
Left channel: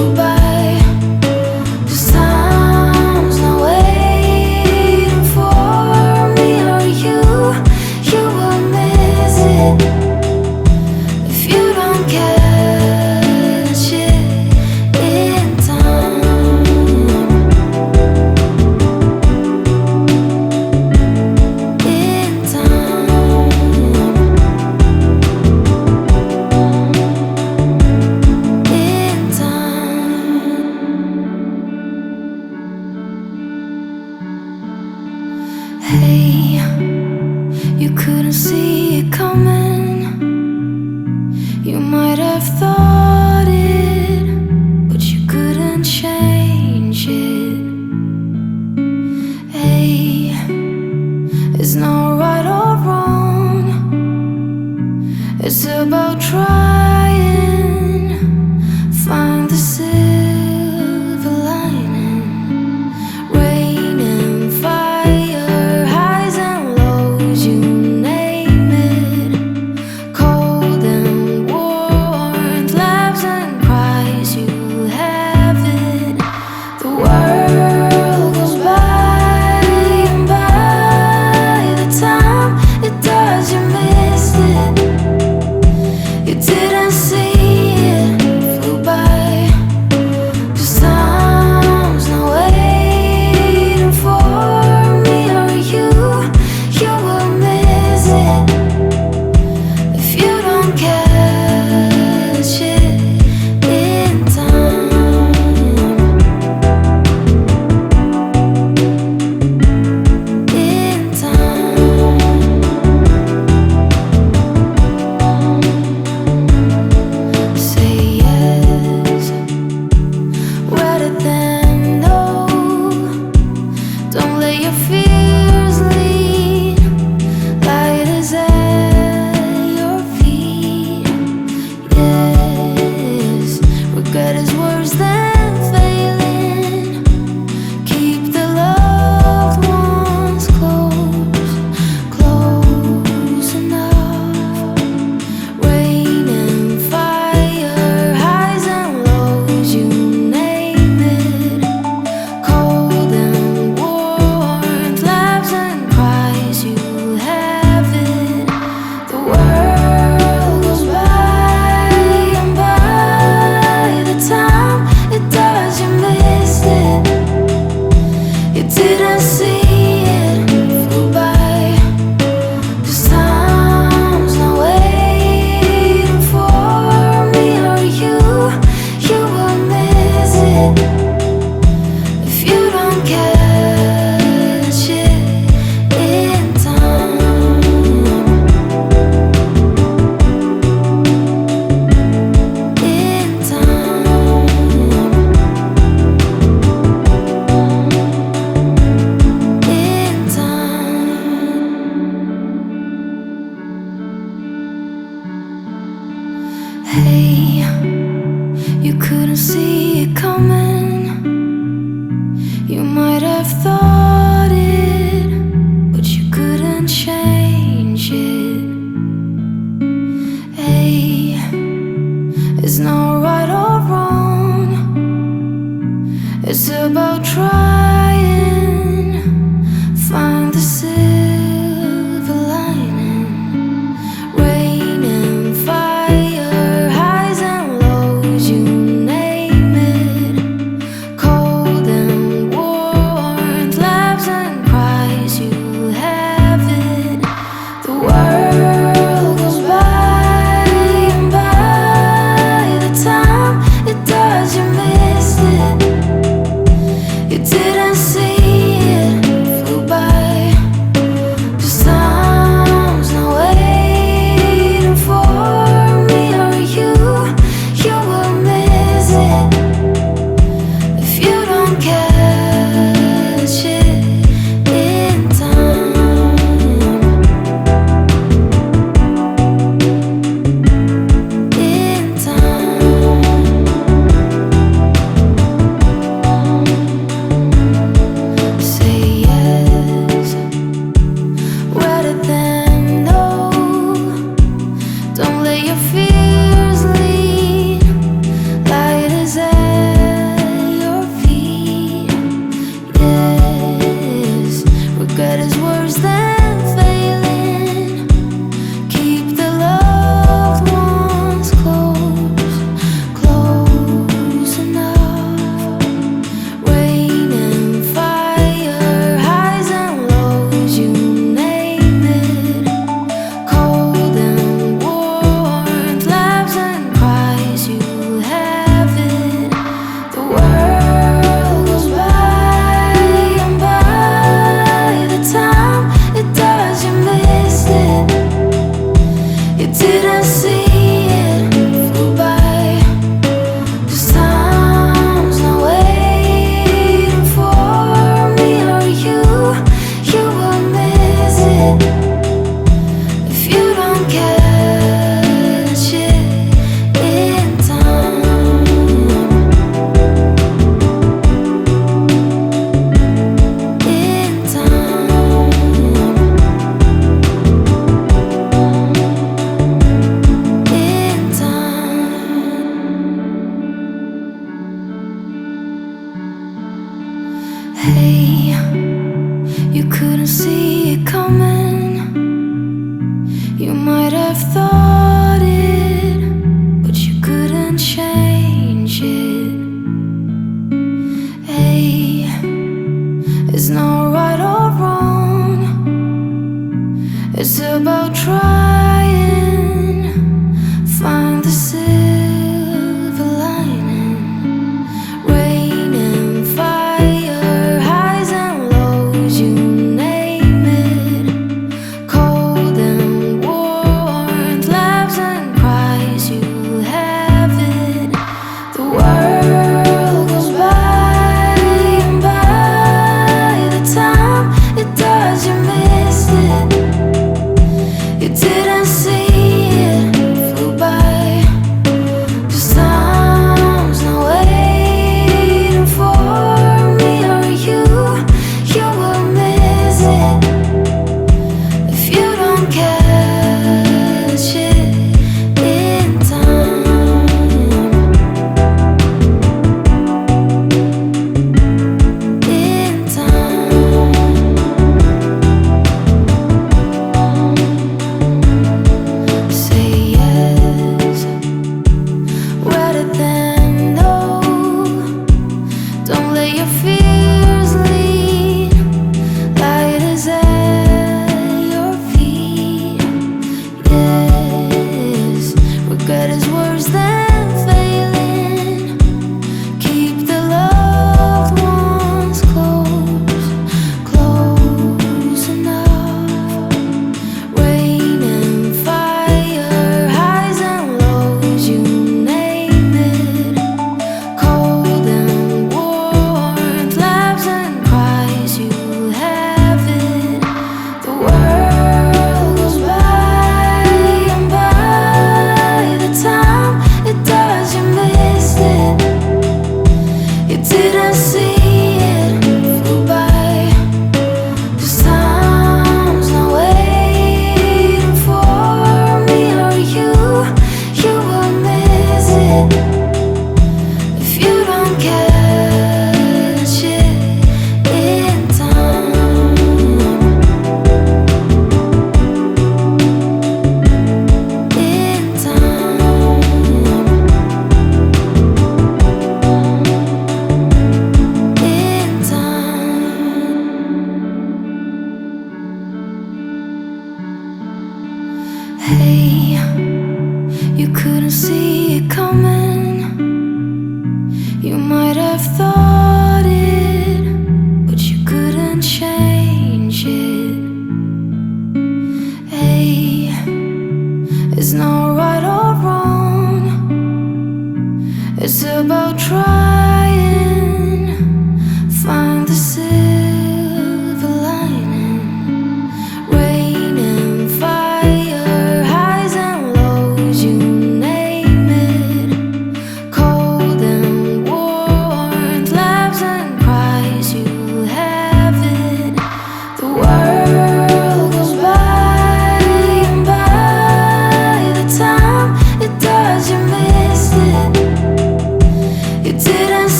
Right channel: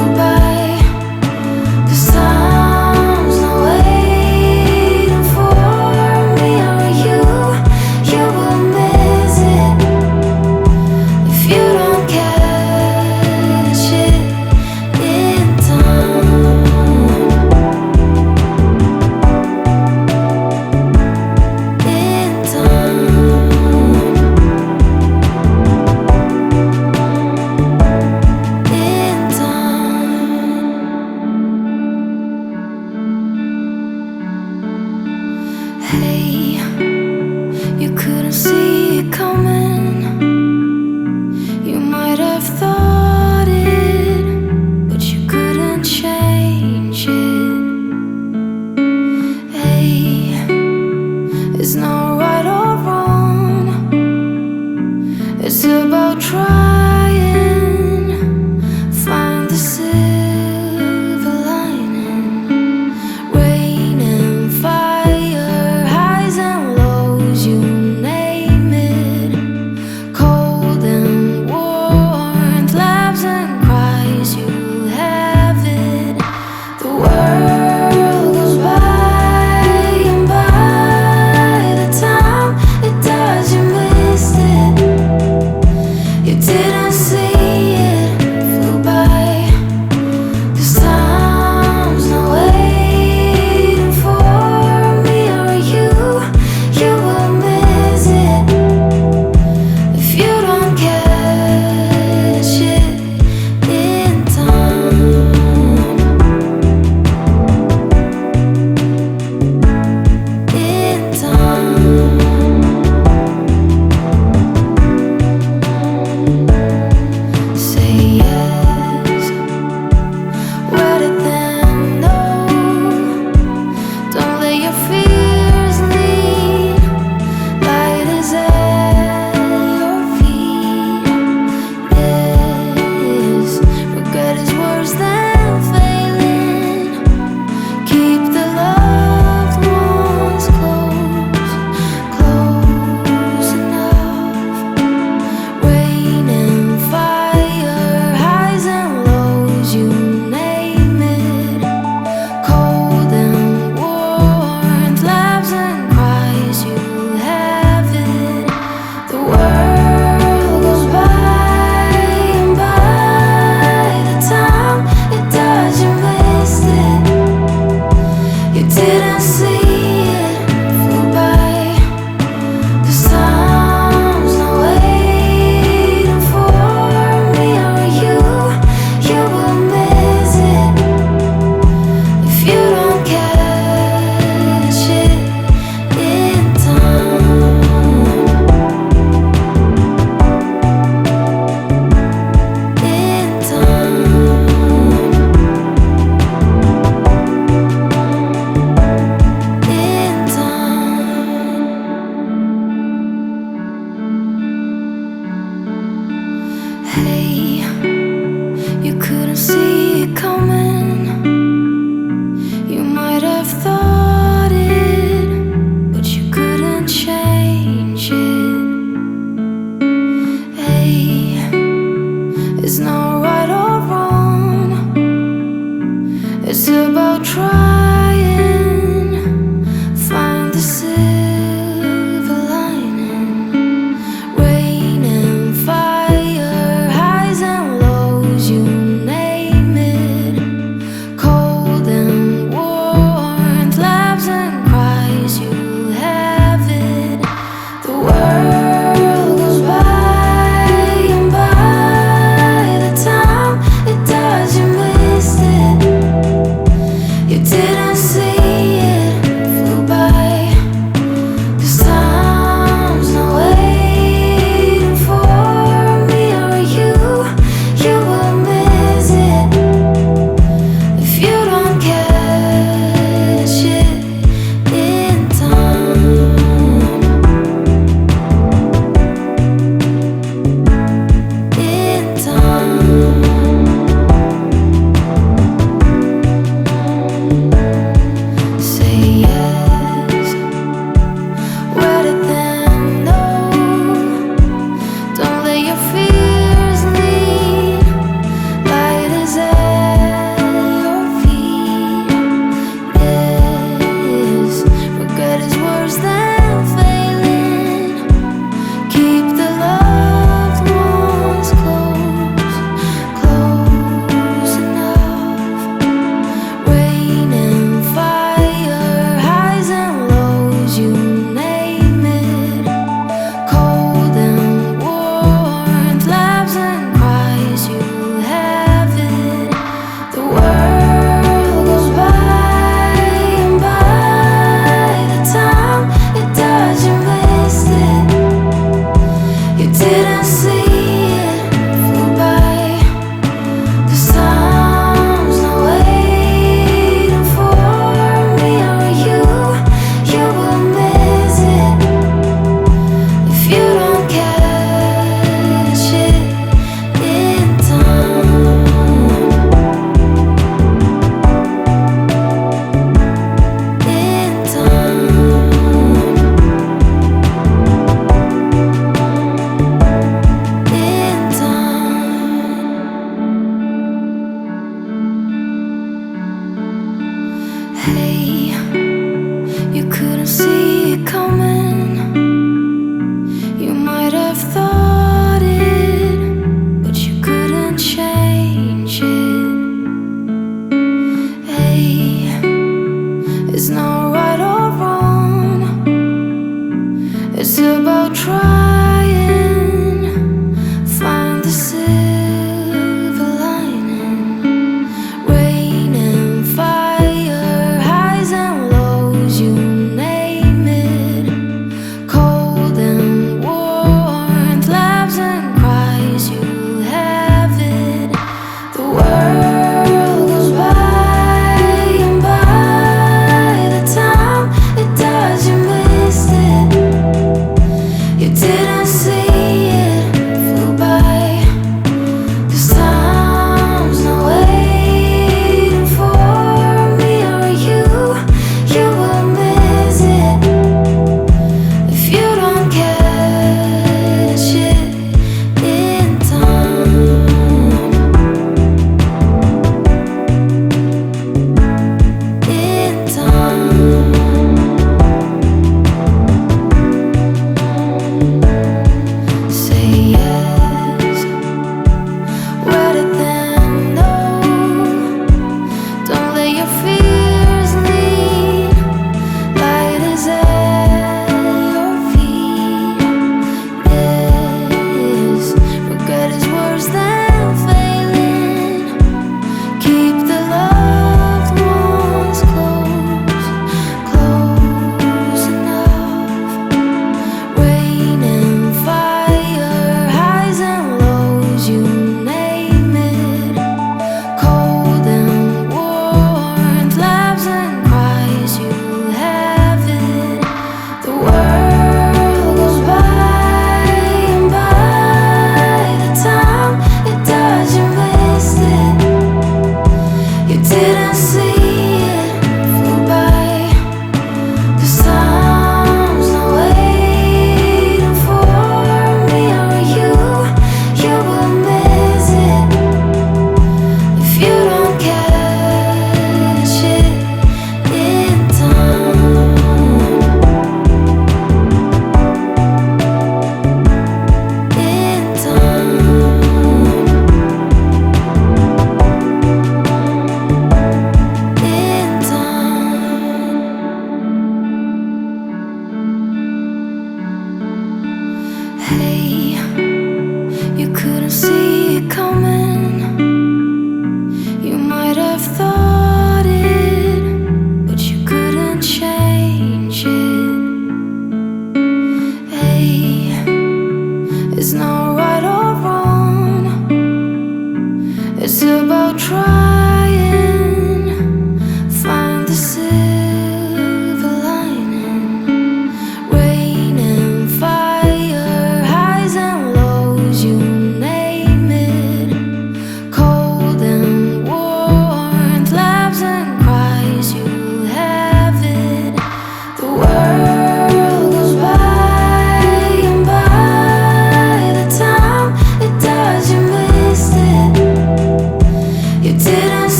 Hey, you couldn't see it coming. You might have thought it, but you couldn't change it. Hey, it's not right or wrong. It's about trying, find the silver lining. Rain and fire, highs and lows, you name it. Cold and warmth, laughs and cries, you have it. The world goes by, and by the time it does, you missed it. You didn't see it, flew by. 'Cause time's not waiting for me or you. You will miss it if you don't catch it in time. In time. Say yes rather than no. Don't let your fears lead. Light is at your feet. Yes, regret is worse than failing. Keep the loved ones close, close enough. Rain and fire, highs and lows, you name it. Cold and warmth, laughs and cries, you have it. The world goes by, and by the time it does, you missed it. You didn't see it, flew by. 'Cause time's not waiting for me or you. You will miss it if you don't catch it in time. In time. In time. Hey, you couldn't see it coming. You might have thought it, but you couldn't change it. Hey, it's not right or wrong. It's about trying, find the silver lining. Rain and fire, highs and lows, you name it. Cold and warmth, laughs and cries, you have it. The world goes by, and by the time it does, you missed it. You didn't see it, flew by. 'Cause time's not waiting for me or you. You will miss it if you don't catch it in time. In time. Say yes rather than no. Don't let your fears lead. Light is at your feet. Yes, regret is worse than failing. Keep the loved ones close, close enough. Rain and fire, highs and lows, you name it. Cold and warmth, laughs and cries, you have it. The world goes by, and by the time it does, you missed it. You didn't see it, flew by. 'Cause time's not waiting for me or you. You will miss it if you don't catch it in time. In time. In time. Hey, you couldn't see it coming. You might have thought it, but you couldn't change it. Hey, it's not right or wrong. It's about trying, find the silver lining. Rain and fire, highs and lows, you name it. Cold and warmth, laughs and cries, you have it. The world goes by, and by the time it does, you missed it. You didn't see it, flew by. 'Cause time's not waiting for me or you. You will miss it if you don't catch it in time. In time. Say yes rather than no. Don't let your fears lead. Light is at your feet. Yes, regret is worse than failing. Keep the loved ones close, close enough. Rain and fire, highs and lows, you name it. Cold and warmth, laughs and cries, you have it. The world goes by, and by the time it does, you missed it. You didn't see it, flew by. 'Cause time's not waiting for me or you. You will miss it if you don't catch it in time. In time. In time. Hey, you couldn't see it coming. You might have thought it, but you couldn't change it. Hey, it's not right or wrong. It's about trying, find the silver lining. Rain and fire, highs and lows, you name it. Cold and warmth, laughs and cries, you have it. The world goes by, and by the time it does, you missed it. You didn't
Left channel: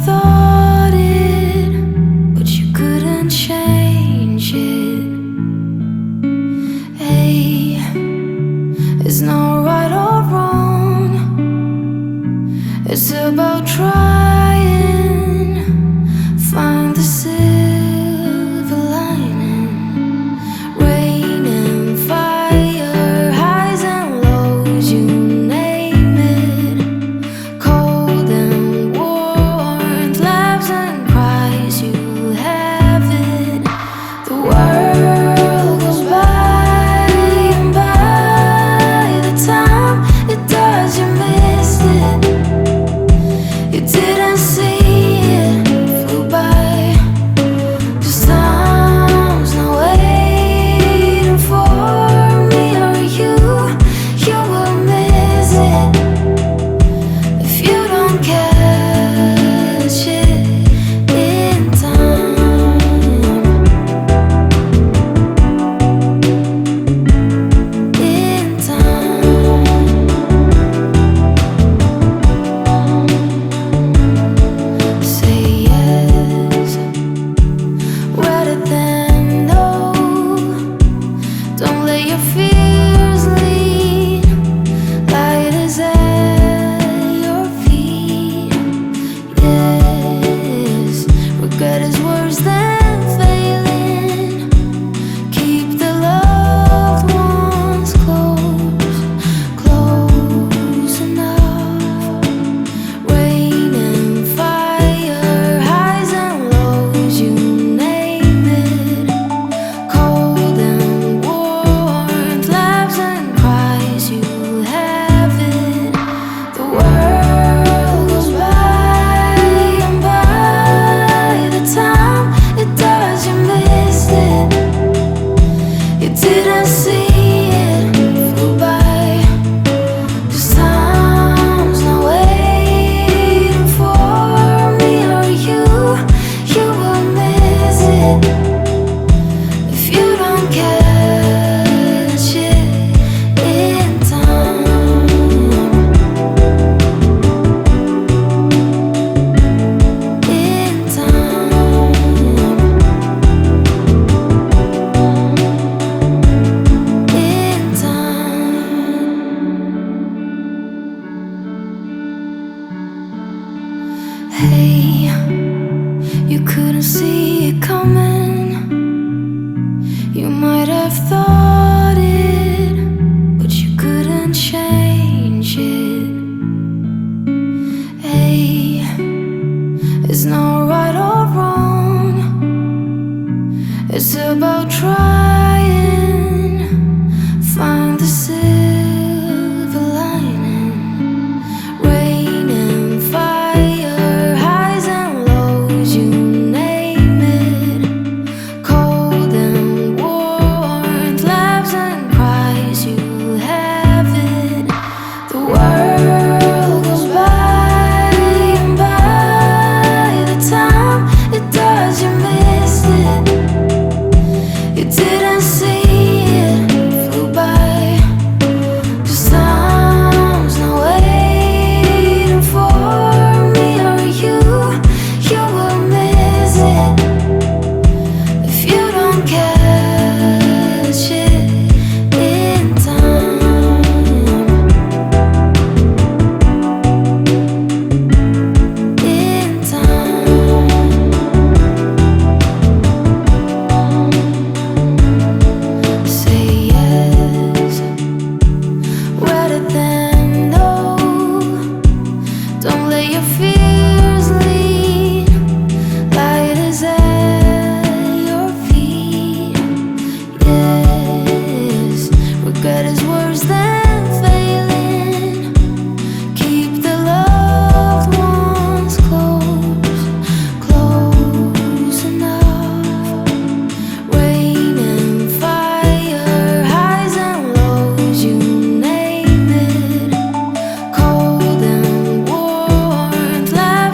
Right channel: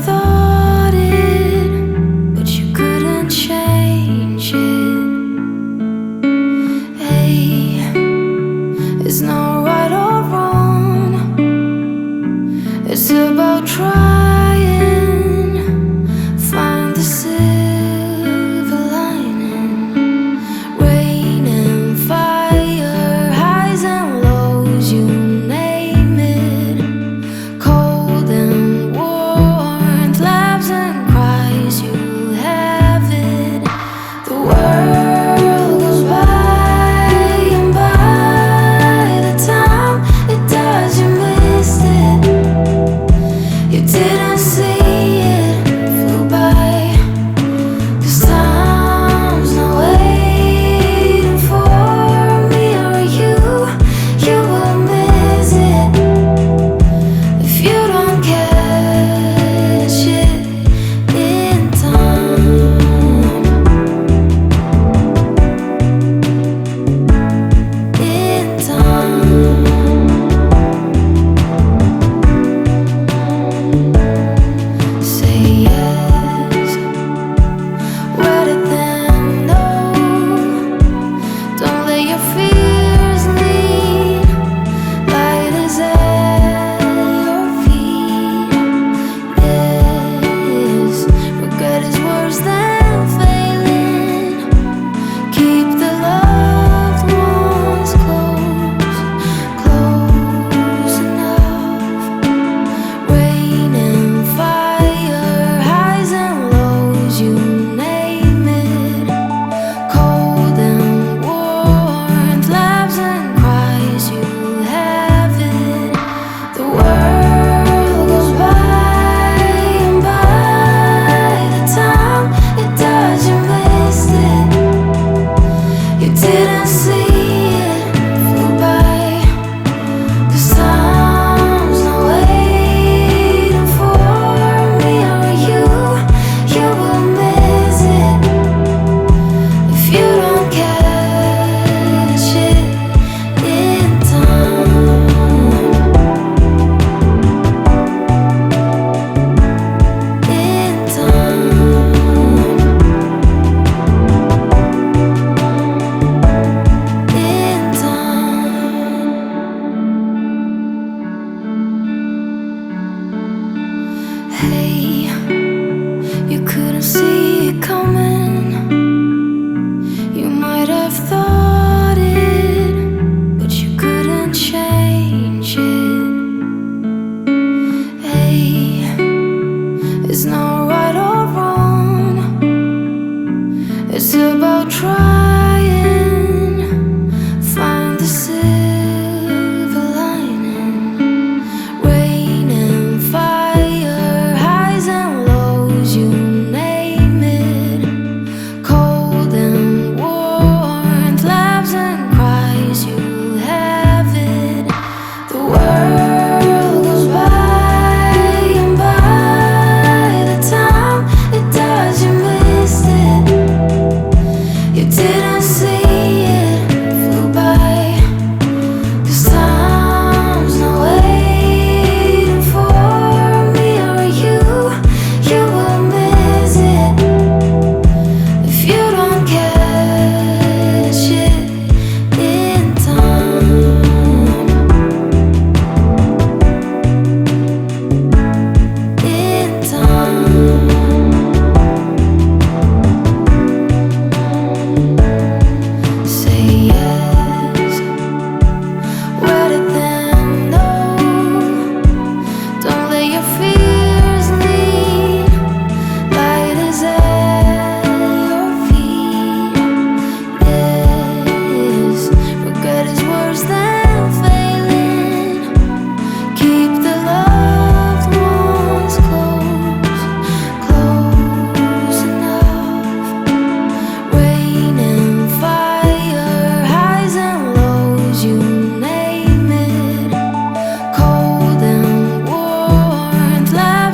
thought it, but you couldn't change it. Hey, it's not right or wrong, it's about trying, find the silver lining. Rain and fire, highs and lows, you name it. Cold and warmth, laughs and cries, you have it. The world goes by, and by the time it does, you missed it. You didn't see it, flew by. 'Cause time's not waiting for me or you. You will miss it if you don't catch it in time. In time. Say yes, rather than no. Don't let your fears lead. Light is at your feet. Yes, regret is worse than failing. Keep the loved ones close, close enough. Rain and fire, highs and lows, you name it. Cold and warmth, laughs and cries, you have it. The world goes by, and by the time it does, you missed it. You didn't see it, flew by. 'Cause time's not waiting for me or you. You will miss it if you don't catch it in time. In time. In time. Hey, you couldn't see it coming. You might have thought it, but you couldn't change it. Hey, it's not right or wrong, it's about trying, find the silver lining. Rain and fire, highs and lows, you name it. Cold and warmth, laughs and cries, you have it. The world goes by, and by the time it does, you missed it. You didn't see it, flew by. 'Cause time's not waiting for me or you. You will miss it if you don't catch it in time. In time. Say yes, rather than no. Don't let your fears lead. Light is at your feet. Yes, regret is worse than failing. Keep the loved ones close, close enough. Rain and fire, highs and lows, you name it. Cold and warmth, laughs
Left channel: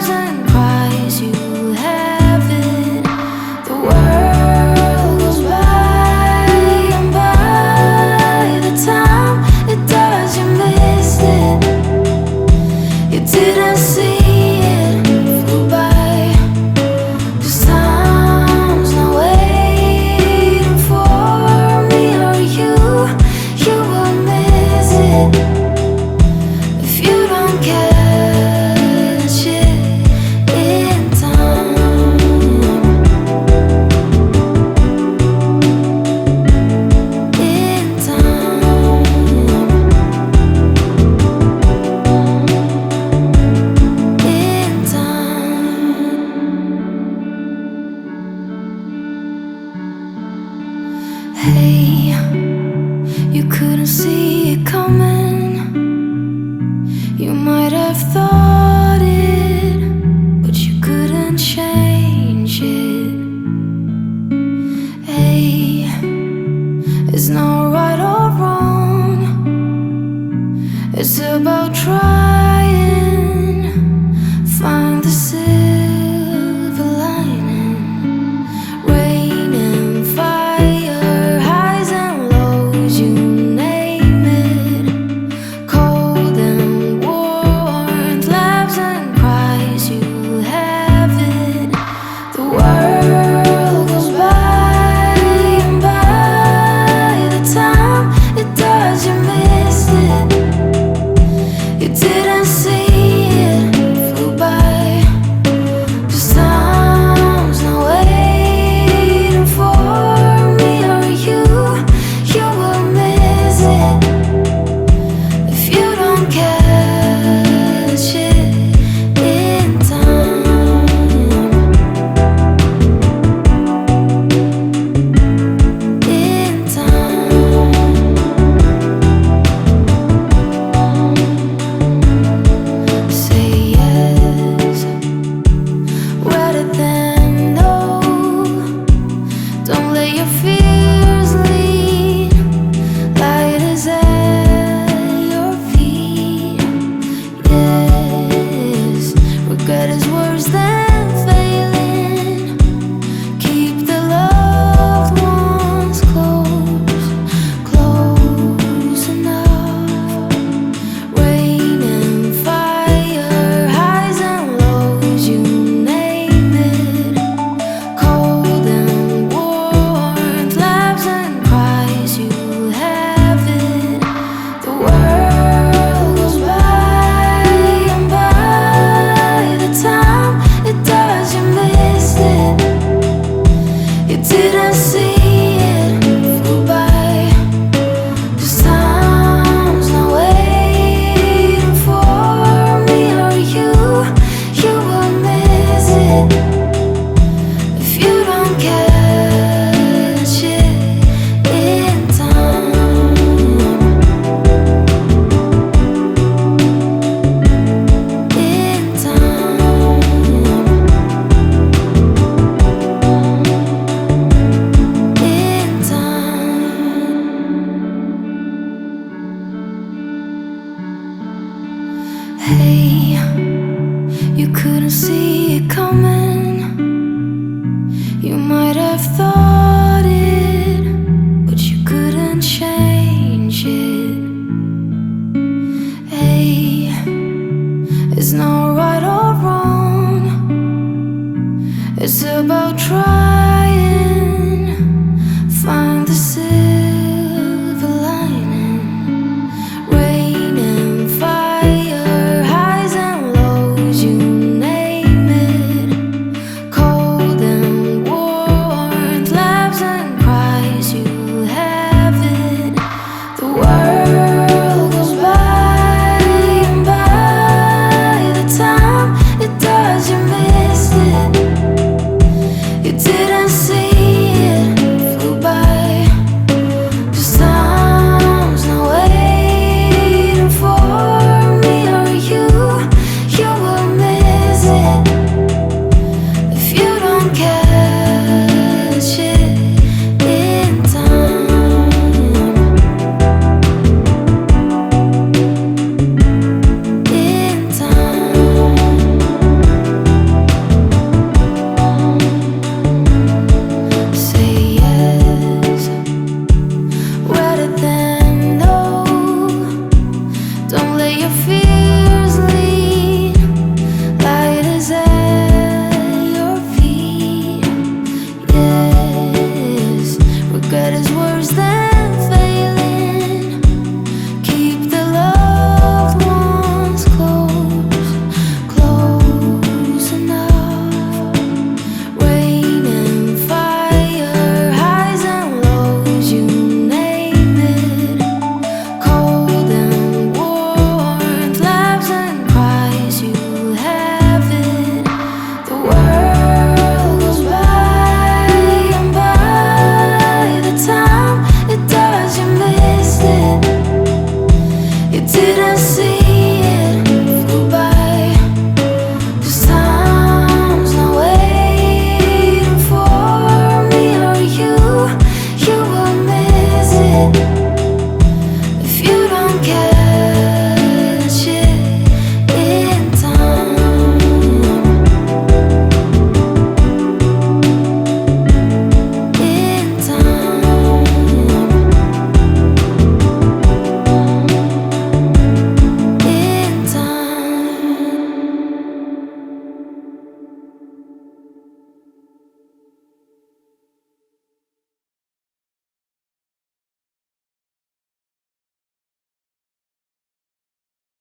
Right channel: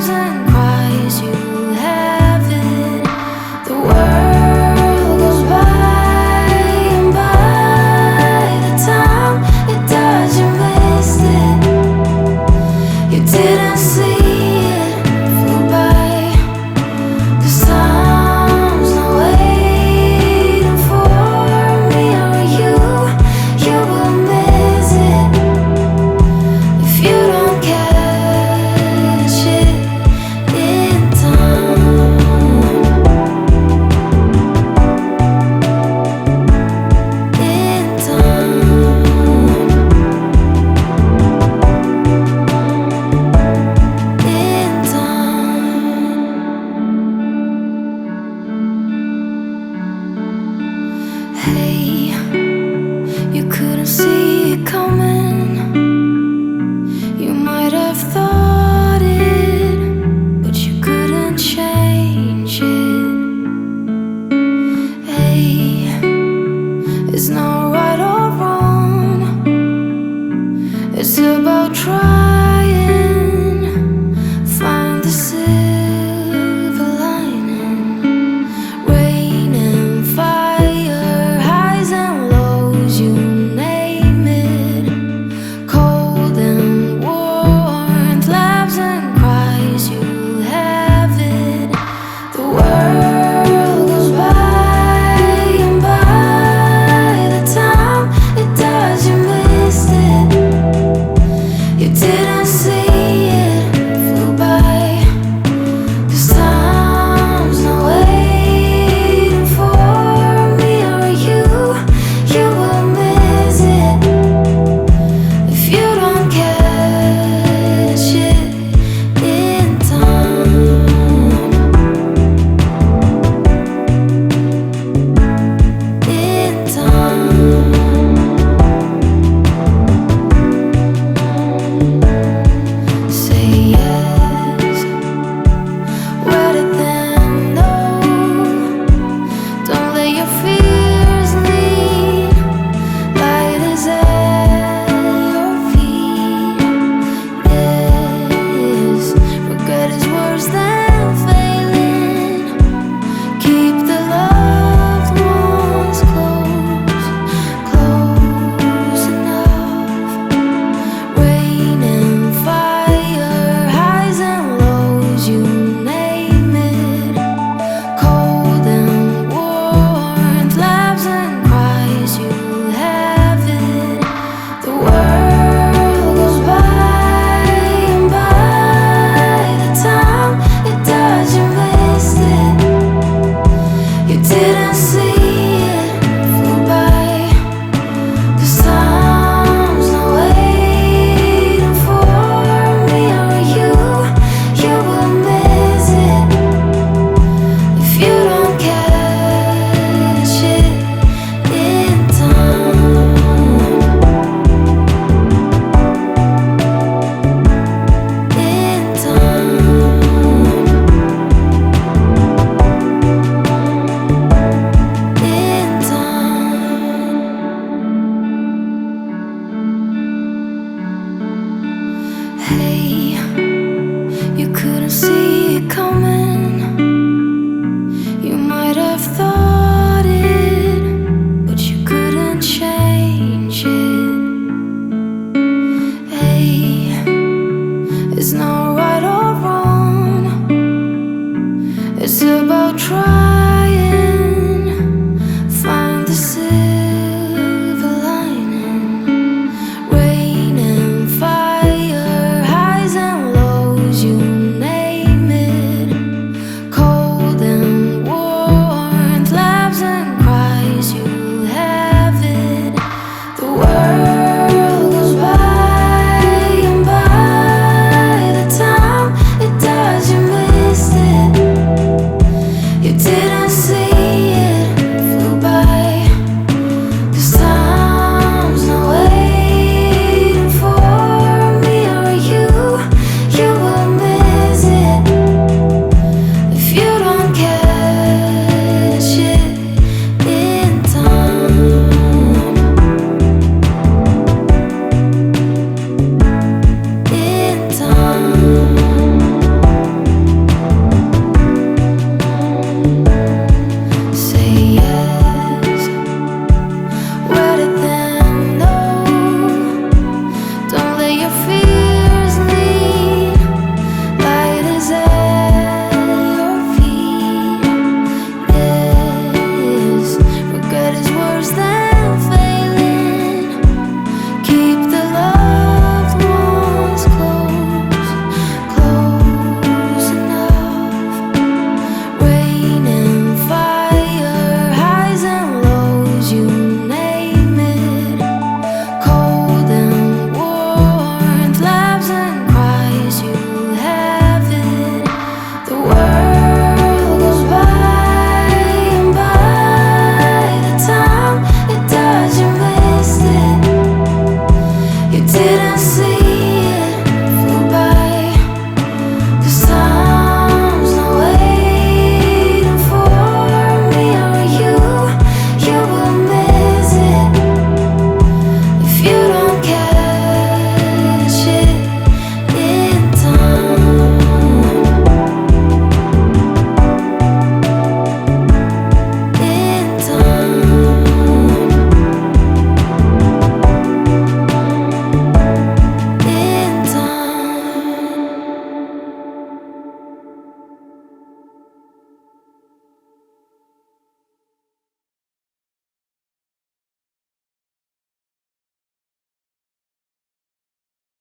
see it coming. You might have thought it, but you couldn't change it. Hey, it's not right or wrong. It's about trying, find the silver lining. Rain and fire, highs and lows, you name it. Cold and warmth, laughs and cries, you have it. The world goes by, and by the time it does, you missed it. You didn't see it, flew by. 'Cause time's not waiting for me or you. You will miss it if you don't catch it in time. In time. Say yes, rather than no. Don't let your fears lead. Light is at your feet. Yes, regret is worse than failing. Keep the loved ones close, close enough. Rain and fire, highs and lows, you name it. Cold and warmth, laughs and cries, you have it. The world goes by, and by the time it does, you missed it. You didn't see it, flew by. 'Cause time's not waiting for me or you. You will miss it if you don't catch it in time. In time. In time. Hey, you couldn't see it coming. You might have thought it, but you couldn't change it. Hey, it's not right or wrong. It's about trying.